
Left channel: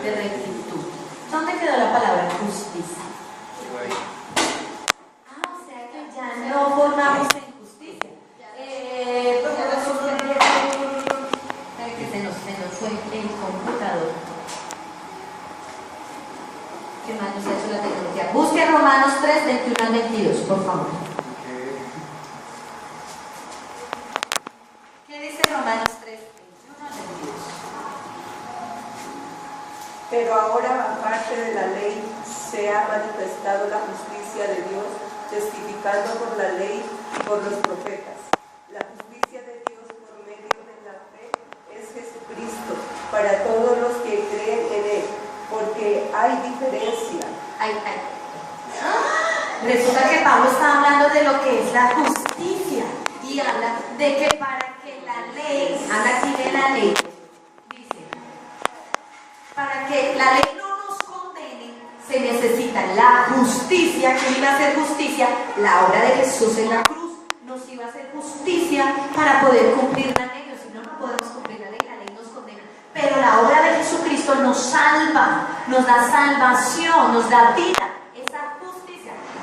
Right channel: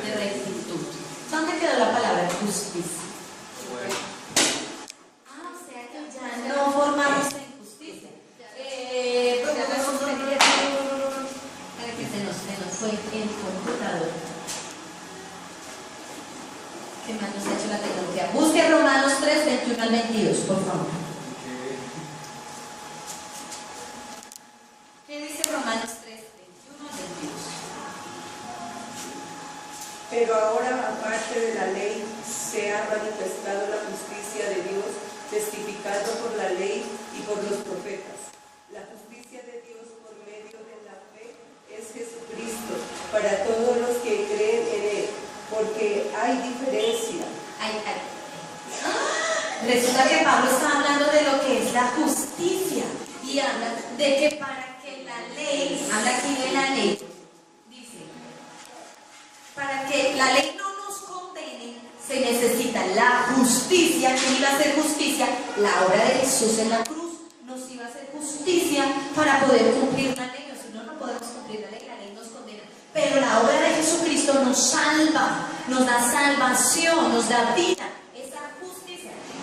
de rectitud. ¿Dónde quedó la palabra justicia? Bueno. O sea que ya no formamos en justicia. Se nos fue el computador. ¿Qué más nos ha hecho la tecnología? Busque Romanos 3, 21 al 22, por favor. ¿Qué dice Romanos 3, 21 al 22? Pero ahora, aparte de la ley, se ha manifestado la justicia de Dios, testificando por la ley y por los profetas. La justicia de Dios por medio de la fe es Jesucristo, para todos los que creen en Él, porque hay diferencia. Resulta que Pablo está hablando de lo que es la justicia y habla de que para que la ley, habla aquí de la ley, dice, para que la ley no nos condene, se necesita la justicia. ¿Qué iba a ser justicia? La obra de Jesús en la cruz nos iba a hacer justicia para poder cumplir la ley. Si no, no podemos cumplir la ley nos condena. Pero la obra de Jesucristo nos salva, nos da salvación, nos da vida.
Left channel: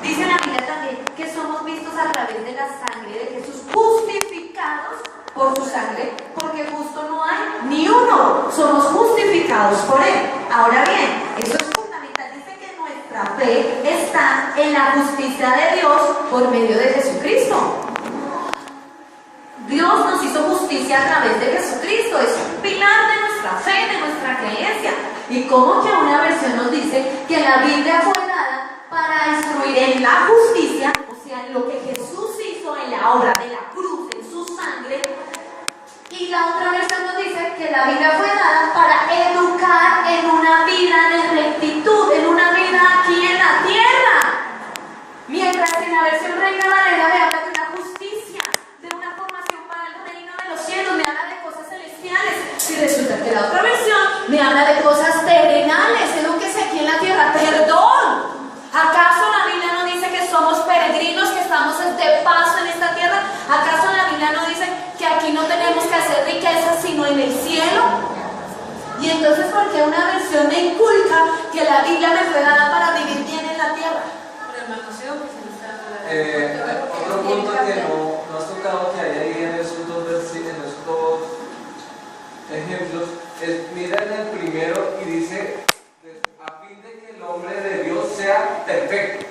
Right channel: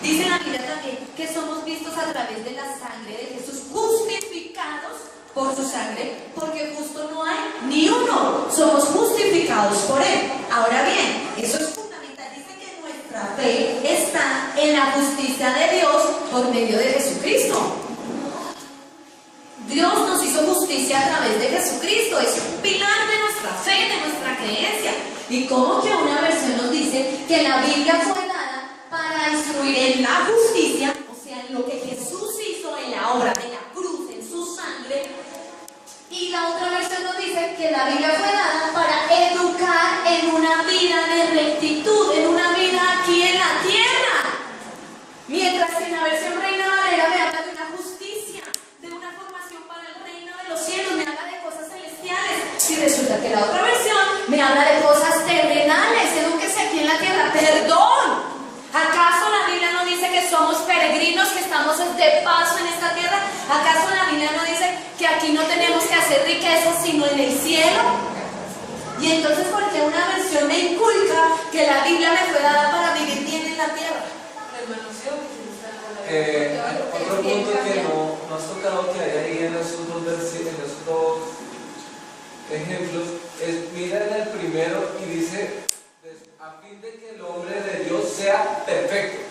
Dice la Biblia también que somos vistos a través de la sangre de Jesús, justificados por su sangre, porque justo no hay ni uno, somos justificados por Él. Ahora bien, eso es fundamental, dice que nuestra fe está en la justicia de Dios por medio de Jesucristo. Dios nos hizo justicia a través de Jesucristo, es un pilar de nuestra fe, de nuestra creencia. Y como que una versión nos dice que la Biblia fue dada para instruir en la justicia, o sea, en lo que Jesús hizo en la obra de la cruz, en su sangre. Y la otra versión nos dice que la Biblia fue dada para educar en una vida de rectitud, en una vida aquí en la tierra. Mientras que en la versión Reina Valera me habla de una justicia, de una formación para el reino de los cielos, me habla de cosas celestiales. Y resulta que la otra versión me habla de cosas terrenales, de lo que es aquí en la tierra. ¡Perdón! ¿Acaso la Biblia no dice que somos peregrinos, que estamos de paso en esta tierra? ¿Acaso la Biblia no dice que aquí no tenemos que hacer riquezas sino en el cielo? Y entonces, ¿por qué una versión me inculca que la Biblia me fue dada para vivir bien en la tierra? Por el manoseo que se le está Otro punto que no has tocado que hay ahí en esos dos ejemplos es, mira en el primero y dice, a fin de que el hombre de Dios sea perfecto.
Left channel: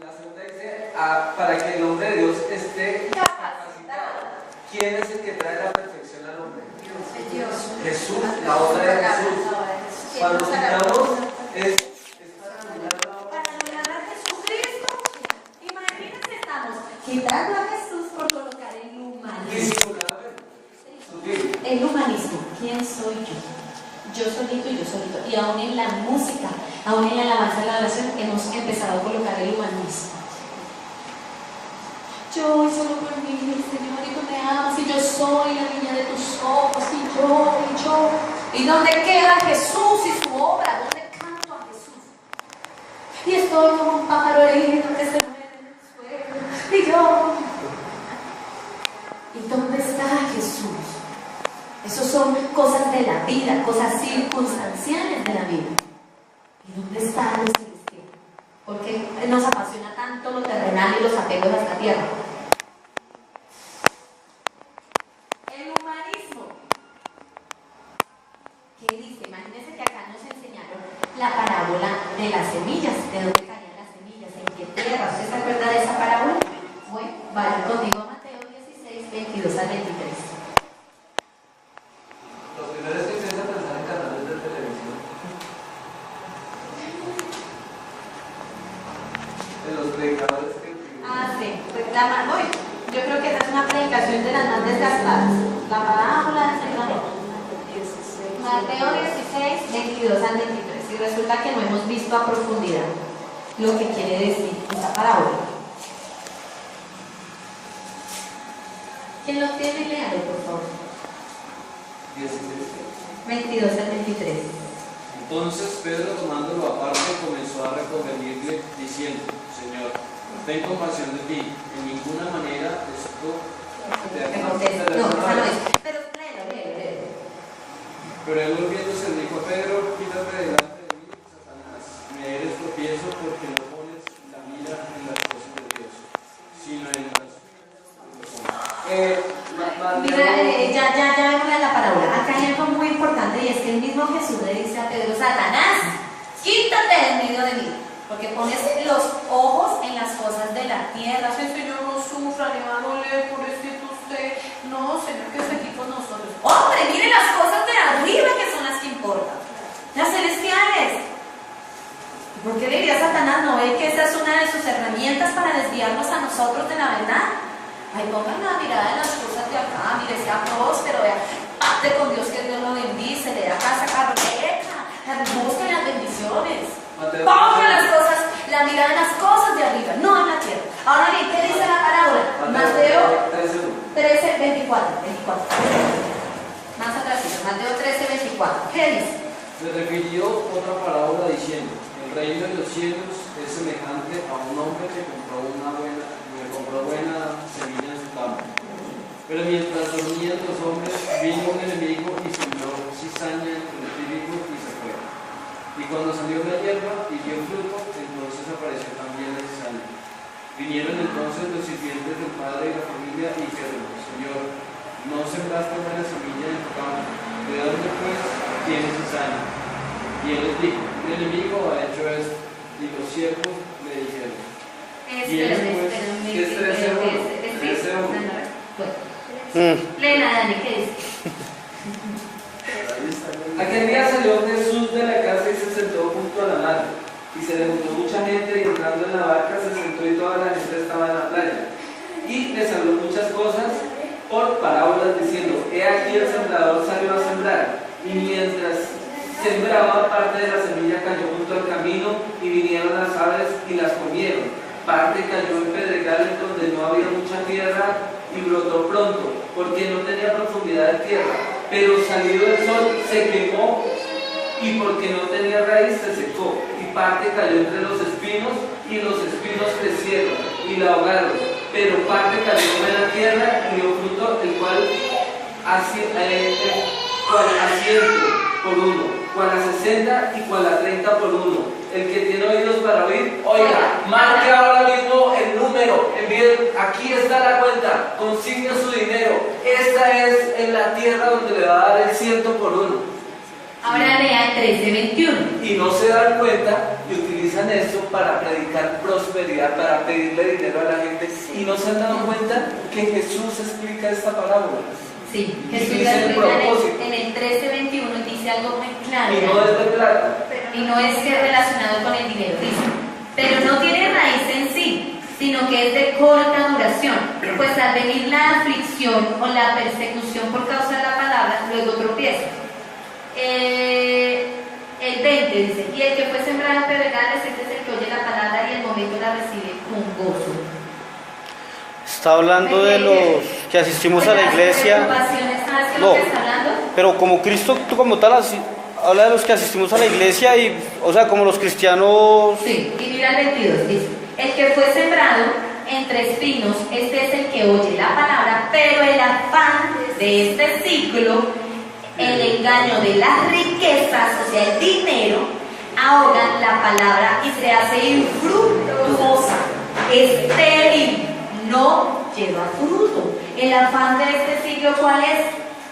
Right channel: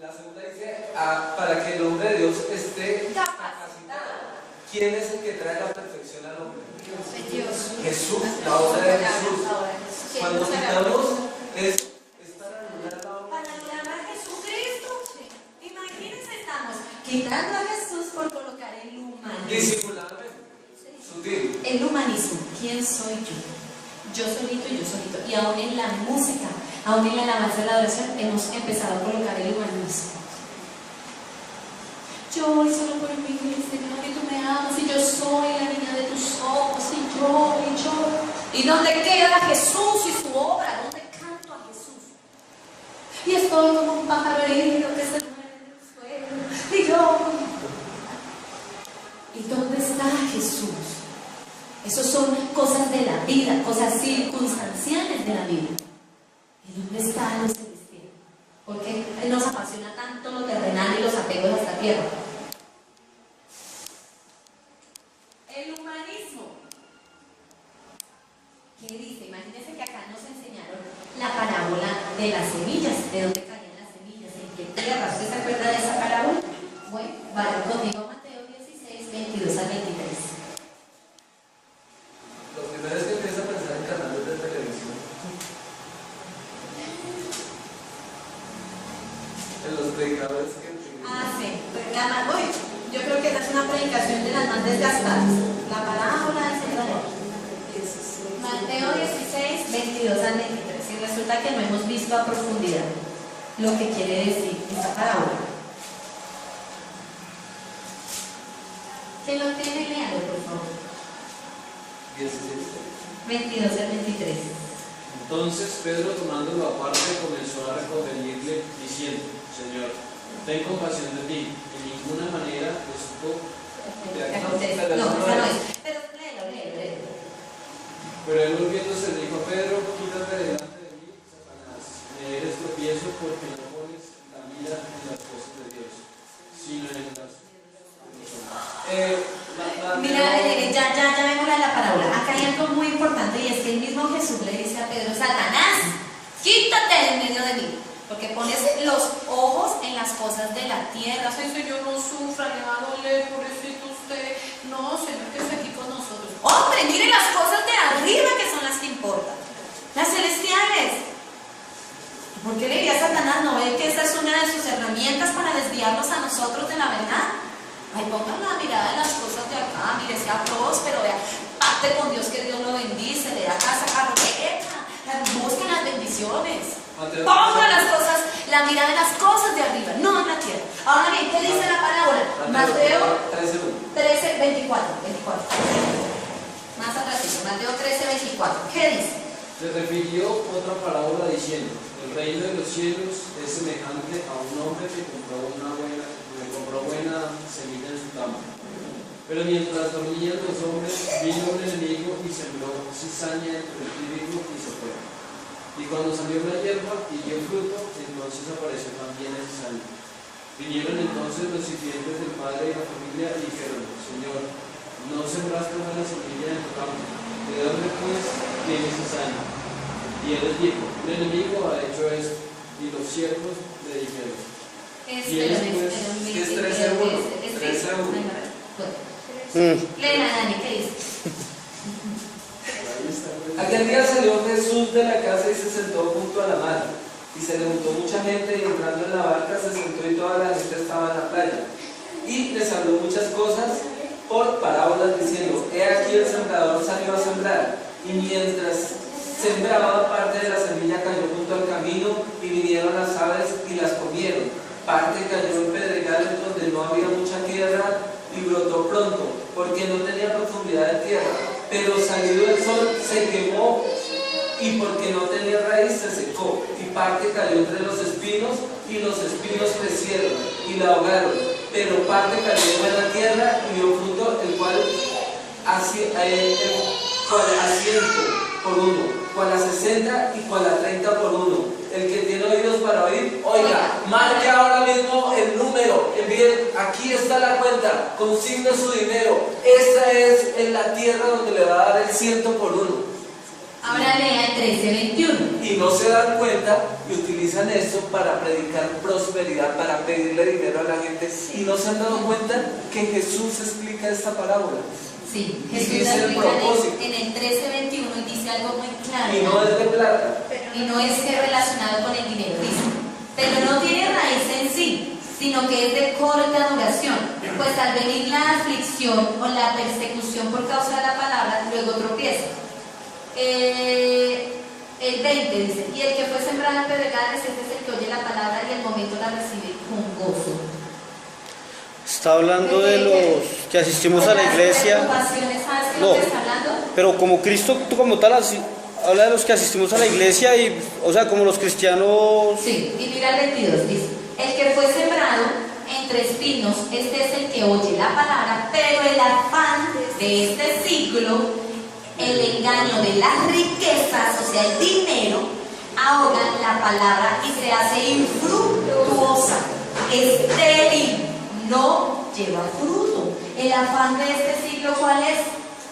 La segunda dice, para que el hombre de Dios esté capacitado. ¿Quién es el que trae la perfección al hombre? Dios. Jesús, la obra de Jesús. Cuando citamos es para anular la obra. Para anular a Jesucristo. Imagínense, estamos quitando a Jesús por colocar en y aún en la música, aún en la alabanza de la adoración, hemos empezado a colocar el humanismo. Yo y solo por mí, Señor, y tú me amas, y yo soy la niña de tus ojos, y yo. ¿Y dónde queda Jesús y su obra? ¿Dónde canto a Jesús? Y estoy como un pájaro herido que se muere en el suelo, y yo. ¿Y dónde está Jesús? Esas son cosas de la vida, cosas circunstanciales de la vida. ¿Y dónde está lo celestial? ¿Por qué nos apasiona tanto lo terrenal y los apegos a esta tierra? El humanismo. ¿Qué dice? Imagínense que acá nos enseñaron la parábola de las semillas, de dónde caían las semillas, en qué tierra. ¿Usted se acuerda de esa parábola? Bueno, vaya conmigo a Mateo 16, 22 al 23. Lo primero es que empieza a pensar en canales de televisión. En los predicadores que Sí, pues yo creo que esa es una predicación de las más desgastadas. La parábola del Señor. Mateo 16, 22 al 23. Y resulta que no hemos visto a profundidad lo que quiere decir esta parábola. ¿Quién lo tiene? Léalo, por favor. 22 al 23. Entonces Pedro, tomándolo aparte, comenzó a reconvenirle, diciendo: Señor, ten compasión de ti, en ninguna manera esto te acontece. No, esa no es. Pero léelo. Pero él volviéndose dijo a Pedro: quítate delante de mí, Satanás, me eres tropiezo porque no pones la mira en las cosas de Dios, sino en las de los hombres. Mira, ya vemos la parábola. Acá hay algo muy importante y es que el mismo Jesús le dice a Pedro: Satanás, quítate de en medio de mí, porque pones los ojos en las cosas de la tierra. Sí, Señor, no sufra, le va a doler, pobrecito usted. No, Señor, que esté aquí con nosotros. Hombre, mire las cosas de arriba que son las que importan, las celestiales. ¿Por qué le diría a Satanás? ¿No ve que esta es una de sus herramientas para desviarnos a nosotros de la verdad? Ay, pongan la mirada en las cosas de acá, mire, sea próspero, vea, pacte con Dios, que Dios lo bendice, le da casa, carro, busquen las bendiciones. Pongan las cosas, la mirada en las cosas de arriba, no en la tierra. Ahora bien, ¿qué dice la parábola? Mateo 13, 24. Más atrás, Mateo 13, 24. ¿Qué dice? Le refirió otra parábola diciendo: el reino de los cielos es semejante a un hombre que compró buena semilla en su campo. Pero mientras dormían los hombres, vino un enemigo y sembró cizaña entre el trigo y se fue. Y cuando salió la hierba y dio fruto, entonces apareció también la cizaña. Vinieron entonces los sirvientes del padre y la familia y dijeron: Señor, no sembraste buena semilla en tu campo, ¿de dónde pues tienes cizaña? Y él les dijo: el enemigo ha hecho esto. Y los siervos le dijeron: es 13:1. Lee nada, Dani, ¿qué dice? Aquel día salió Jesús de la casa y se sentó junto a la mar. Y se le juntó mucha gente, y entrando en la barca se sentó y toda la gente estaba en la playa. Y les habló muchas cosas por parábolas diciendo: he aquí el sembrador salió a sembrar. Y mientras sembraba, parte de la semilla cayó junto al camino y vinieron las aves y las comieron. Parte cayó en pedregales donde no había mucha tierra y brotó pronto, porque no tenía profundidad de tierra. Pero salido el sol se quemó y porque no tenía raíz se secó. Y parte cayó entre los espinos y los espinos crecieron y la ahogaron. Pero parte cayó en buena tierra y dio fruto, el cual a 100 por uno, cual a 60 y cual a 30 por uno. El que tiene oídos para oír, oiga. Marque ahora mismo el número, envíen, aquí está la cuenta, consigne su dinero. Esta es en la tierra donde le va a dar el 100 por uno. Ahora lea el 13:21. Y no se dan cuenta y utilizan esto para predicar prosperidad, para pedirle dinero a la gente. Y no se han dado cuenta que Jesús explica esta parábola. Sí, Y Jesús dice el explica propósito. en el 13:21 y dice algo muy claro. Y no es de plata. Y no es que relacionado con el dinero, dice, pero no tiene raíz en sí, sino que es de corta duración, pues al venir la aflicción o la persecución por causa de la palabra, luego tropieza. El El 20 dice, y el que fue sembrado en pedregales, este es el que oye la palabra y el momento la recibe con gozo. Está hablando de los que asistimos a la iglesia. ¿Sabes qué es No, lo que está hablando? pero como Cristo, tú como tal, habla de los que asistimos a la iglesia y, o sea, como los cristianos. Sí, y mira el 22, dice, el que fue sembrado entre espinos, este es el que oye la palabra, pero el afán de este siglo, el engaño de las riquezas, o sea, el dinero, ahogan la palabra y se hace infructuosa, estéril, no lleva fruto. El afán de este siglo, ¿cuál es?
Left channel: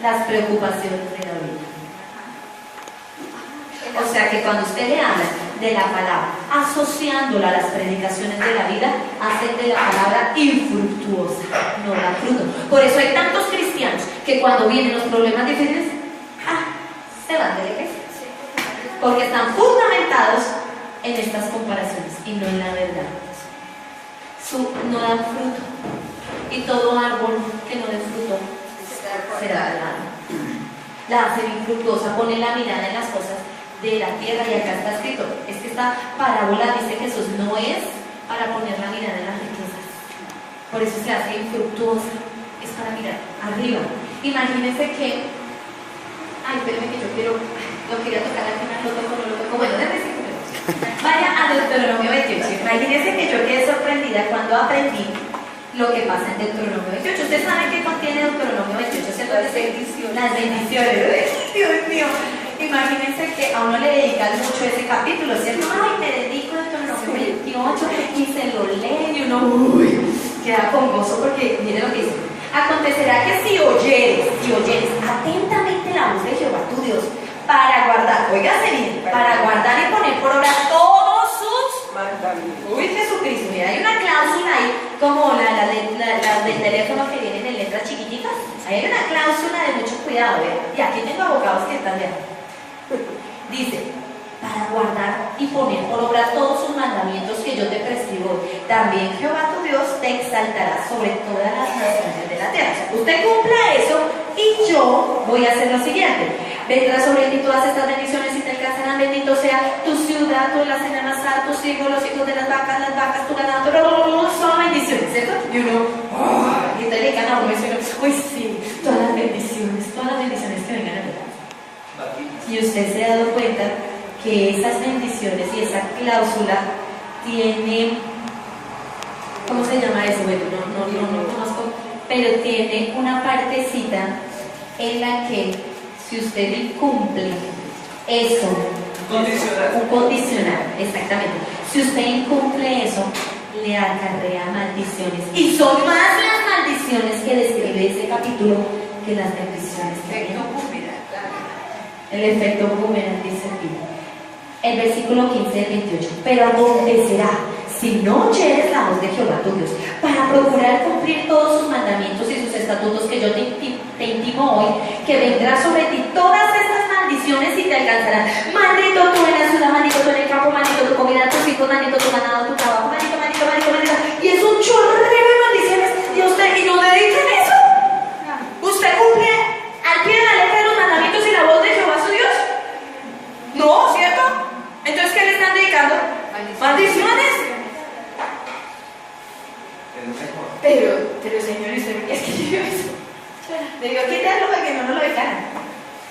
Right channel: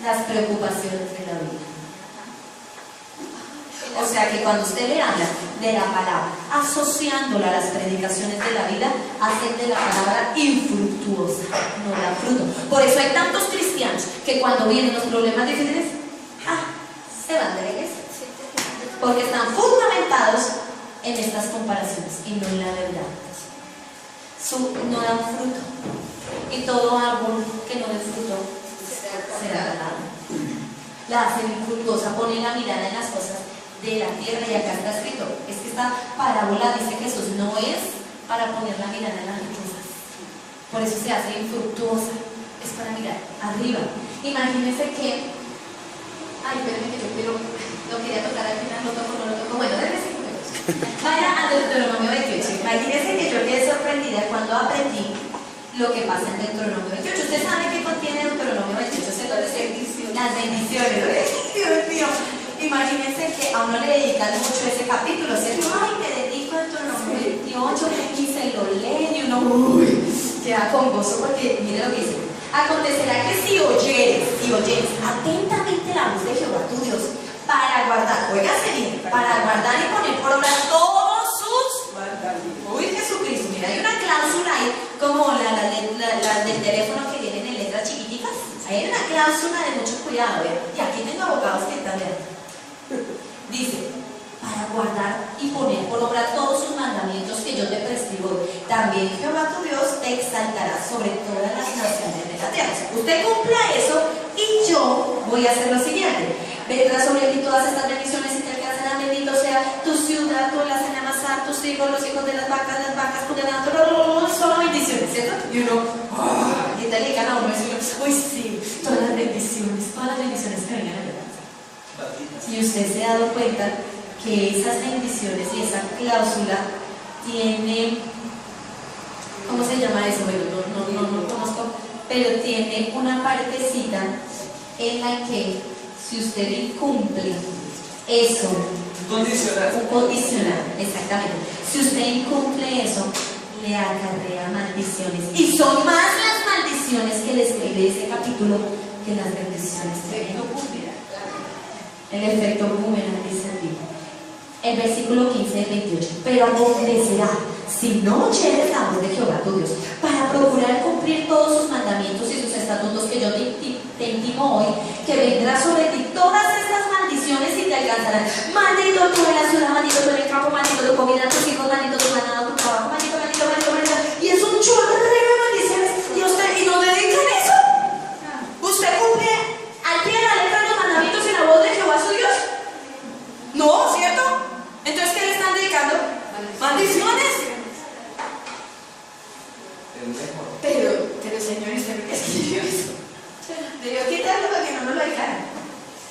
Las preocupaciones de la vida. O sea que cuando usted le habla de la palabra, asociándola a las predicaciones de la vida, hacen de la palabra infructuosa, no da fruto. Por eso hay tantos cristianos que cuando vienen los problemas difíciles, se van de la iglesia. Porque están fundamentados en estas comparaciones y no en la verdad. No dan fruto. Y todo árbol que no dé fruto será ganado. La hacen infructuosa, pone la mirada en las cosas de la tierra, y acá está escrito, es que esta parábola dice que Jesús no es para poner la mirada en las riquezas, por eso se hace infructuosa, es para mirar arriba. Imagínense que, espérenme que yo lo quería tocar al final, lo toco, bueno, déjame decir, vaya a Deuteronomio 28, imagínense que yo quedé sorprendida cuando aprendí lo que pasa en Deuteronomio 28. Ustedes saben qué contiene Deuteronomio 28, ¿cierto? Las bendiciones. Dios mío. Imagínense que a uno le dedican mucho ese capítulo, ¿cierto? Ay, me dedico a Deuteronomio 28 y se lo lee y uno queda con gozo porque mire lo que dice. Acontecerá que si oyeres atentamente la voz de Jehová tu Dios para guardar, óigase bien, para guardar y poner por obra todos sus mandamientos. Uy, Jesucristo, mira, hay una cláusula ahí, como la del teléfono que vienen en letras chiquititas. Ahí hay una cláusula de mucho cuidado, ¿eh? Y aquí tengo abogados que están ya. Dice, para guardar y poner por obra todos sus mandamientos que yo te prescribo, también Jehová tu Dios te exaltará sobre todas las naciones de la tierra. O sea, usted cumpla eso y yo voy a hacer lo siguiente. Vendrá sobre ti todas estas bendiciones y te alcanzarán. Bendito sea tu ciudad, tú la cenamazar, tus hijos, los hijos de las vacas, tu ganado, solo bendiciones, ¿cierto? Y uno, y te le gana a uno eso, uy sí, todas las bendiciones que vengan a ver. Y usted se ha dado cuenta que esas bendiciones y esa cláusula tiene, ¿cómo se llama eso? Bueno, no conozco, pero tiene una partecita en la que si usted incumple eso, un condicional, exactamente. Si usted incumple eso, le acarrea maldiciones. Y son más las maldiciones que describe ese capítulo que las bendiciones. El efecto boomerang dice aquí. El versículo 15 del 28. Pero acontecerá, si no oyeres la voz de Jehová tu Dios, para procurar cumplir todos sus mandamientos y sus estatutos que yo te intimo hoy, que vendrá sobre ti todas estas maldiciones y te alcanzarán. Maldito tú en la ciudad, maldito tú en el campo, maldito tu comida, tus hijos, maldito tu ganado, tu trabajo, maldito. Y es un chorrero de maldiciones. Y no te dedican eso. ¿Usted cumple al pie de la letra de los mandamientos y la voz de Jehová su Dios? No, ¿cierto? Entonces, ¿qué le están dedicando? Maldiciones. Pero Señor, es que debió quitarlo para que no nos lo dejaran.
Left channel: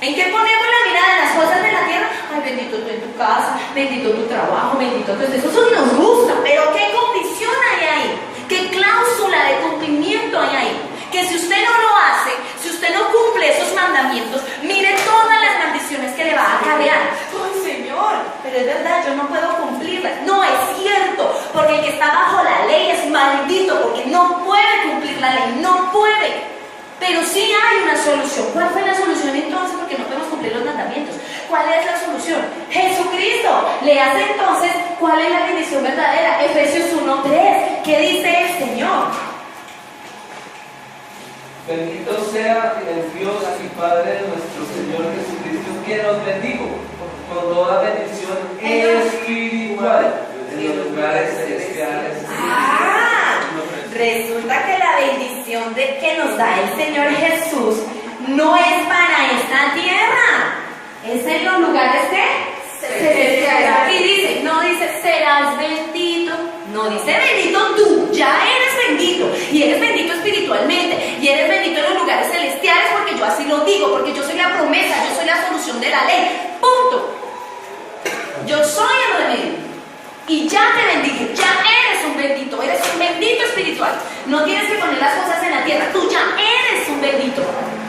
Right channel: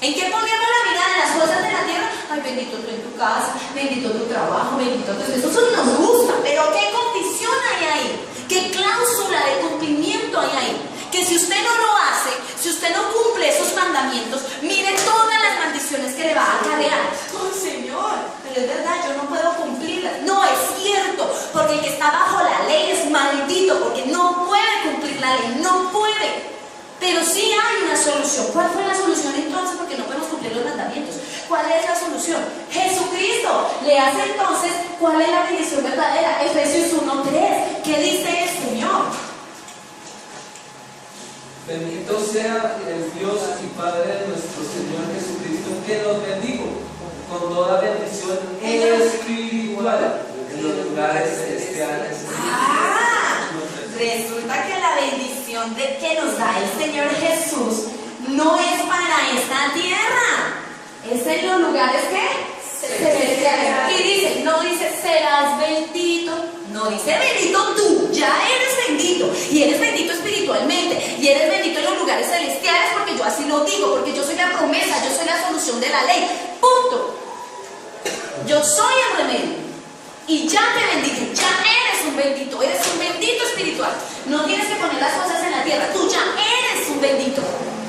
¿En qué ponemos la mirada? En las cosas de la tierra. Ay, bendito tú en tu casa, bendito tu trabajo, bendito tú. Eso nos gusta, pero ¿qué condición hay ahí? ¿Qué cláusula de cumplimiento hay ahí? Que si usted no lo hace, si usted no cumple esos mandamientos, mire todas las maldiciones que le va a acarrear. Ay, Señor, pero es verdad, yo no puedo cumplirlas. No es cierto, porque el que está bajo la ley es maldito, porque no puede cumplir la ley, no puede. Pero sí hay una solución. ¿Cuál fue la solución entonces? Porque no podemos cumplir los mandamientos. ¿Cuál es la solución? Jesucristo. Le hace entonces, ¿cuál es la bendición verdadera? Efesios 1:3. ¿Qué dice el Señor? Bendito sea el Dios y Padre de nuestro Señor Jesucristo, que nos bendijo con toda bendición espiritual en los lugares celestiales. Resulta que la bendición que nos da el Señor Jesús no es para esta tierra, es en los lugares Y dice, no dice serás bendito, no dice bendito tú, ya eres bendito, y eres bendito espiritualmente, y eres bendito en los lugares celestiales, porque yo así lo digo, porque yo soy la promesa, yo soy la solución de la ley, punto. Yo soy el remedio, y ya te bendigo, ya eres un bendito espiritual. No tienes que poner las cosas en la tierra, tú ya eres un bendito.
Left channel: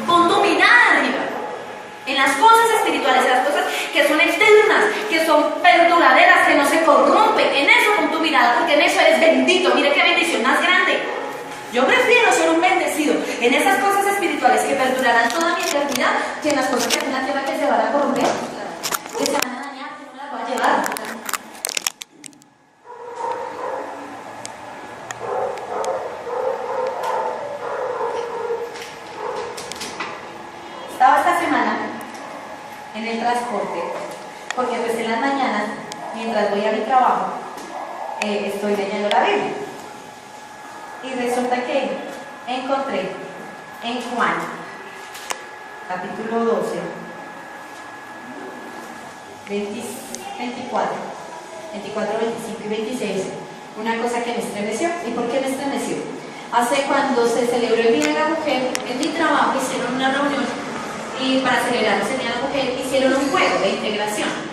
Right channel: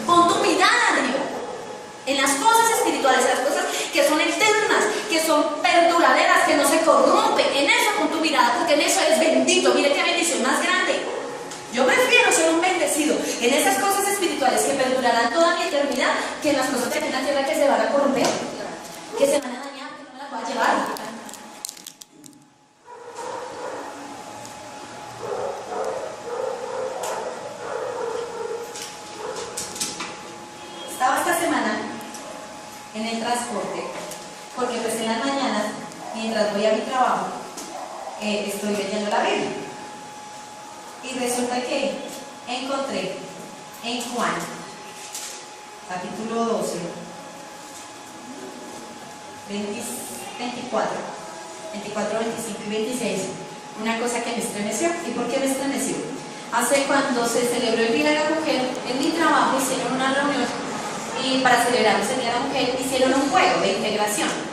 Pon tu mirada arriba, en las cosas espirituales, en las cosas que son eternas, que son perduraderas, que no se corrompen. En eso pon tu mirada, porque en eso eres bendito. Mire qué bendición más grande. Yo prefiero ser un bendecido en esas cosas espirituales que perdurarán toda mi eternidad, que en las cosas que hay en la tierra que se van a corromper, que se van a dañar, que no las voy a llevar. Estaba esta semana en el transporte, porque pues en las mañanas, mientras voy a mi trabajo, estoy leyendo la Biblia. Y resulta que encontré en Juan, capítulo 12, 24, 25 y 26, una cosa que me estremeció. ¿Y por qué me estremeció? Hace cuando se celebró el Día de la Mujer, en mi trabajo hicieron una reunión y para celebrar el Día de la Mujer hicieron un juego de integración.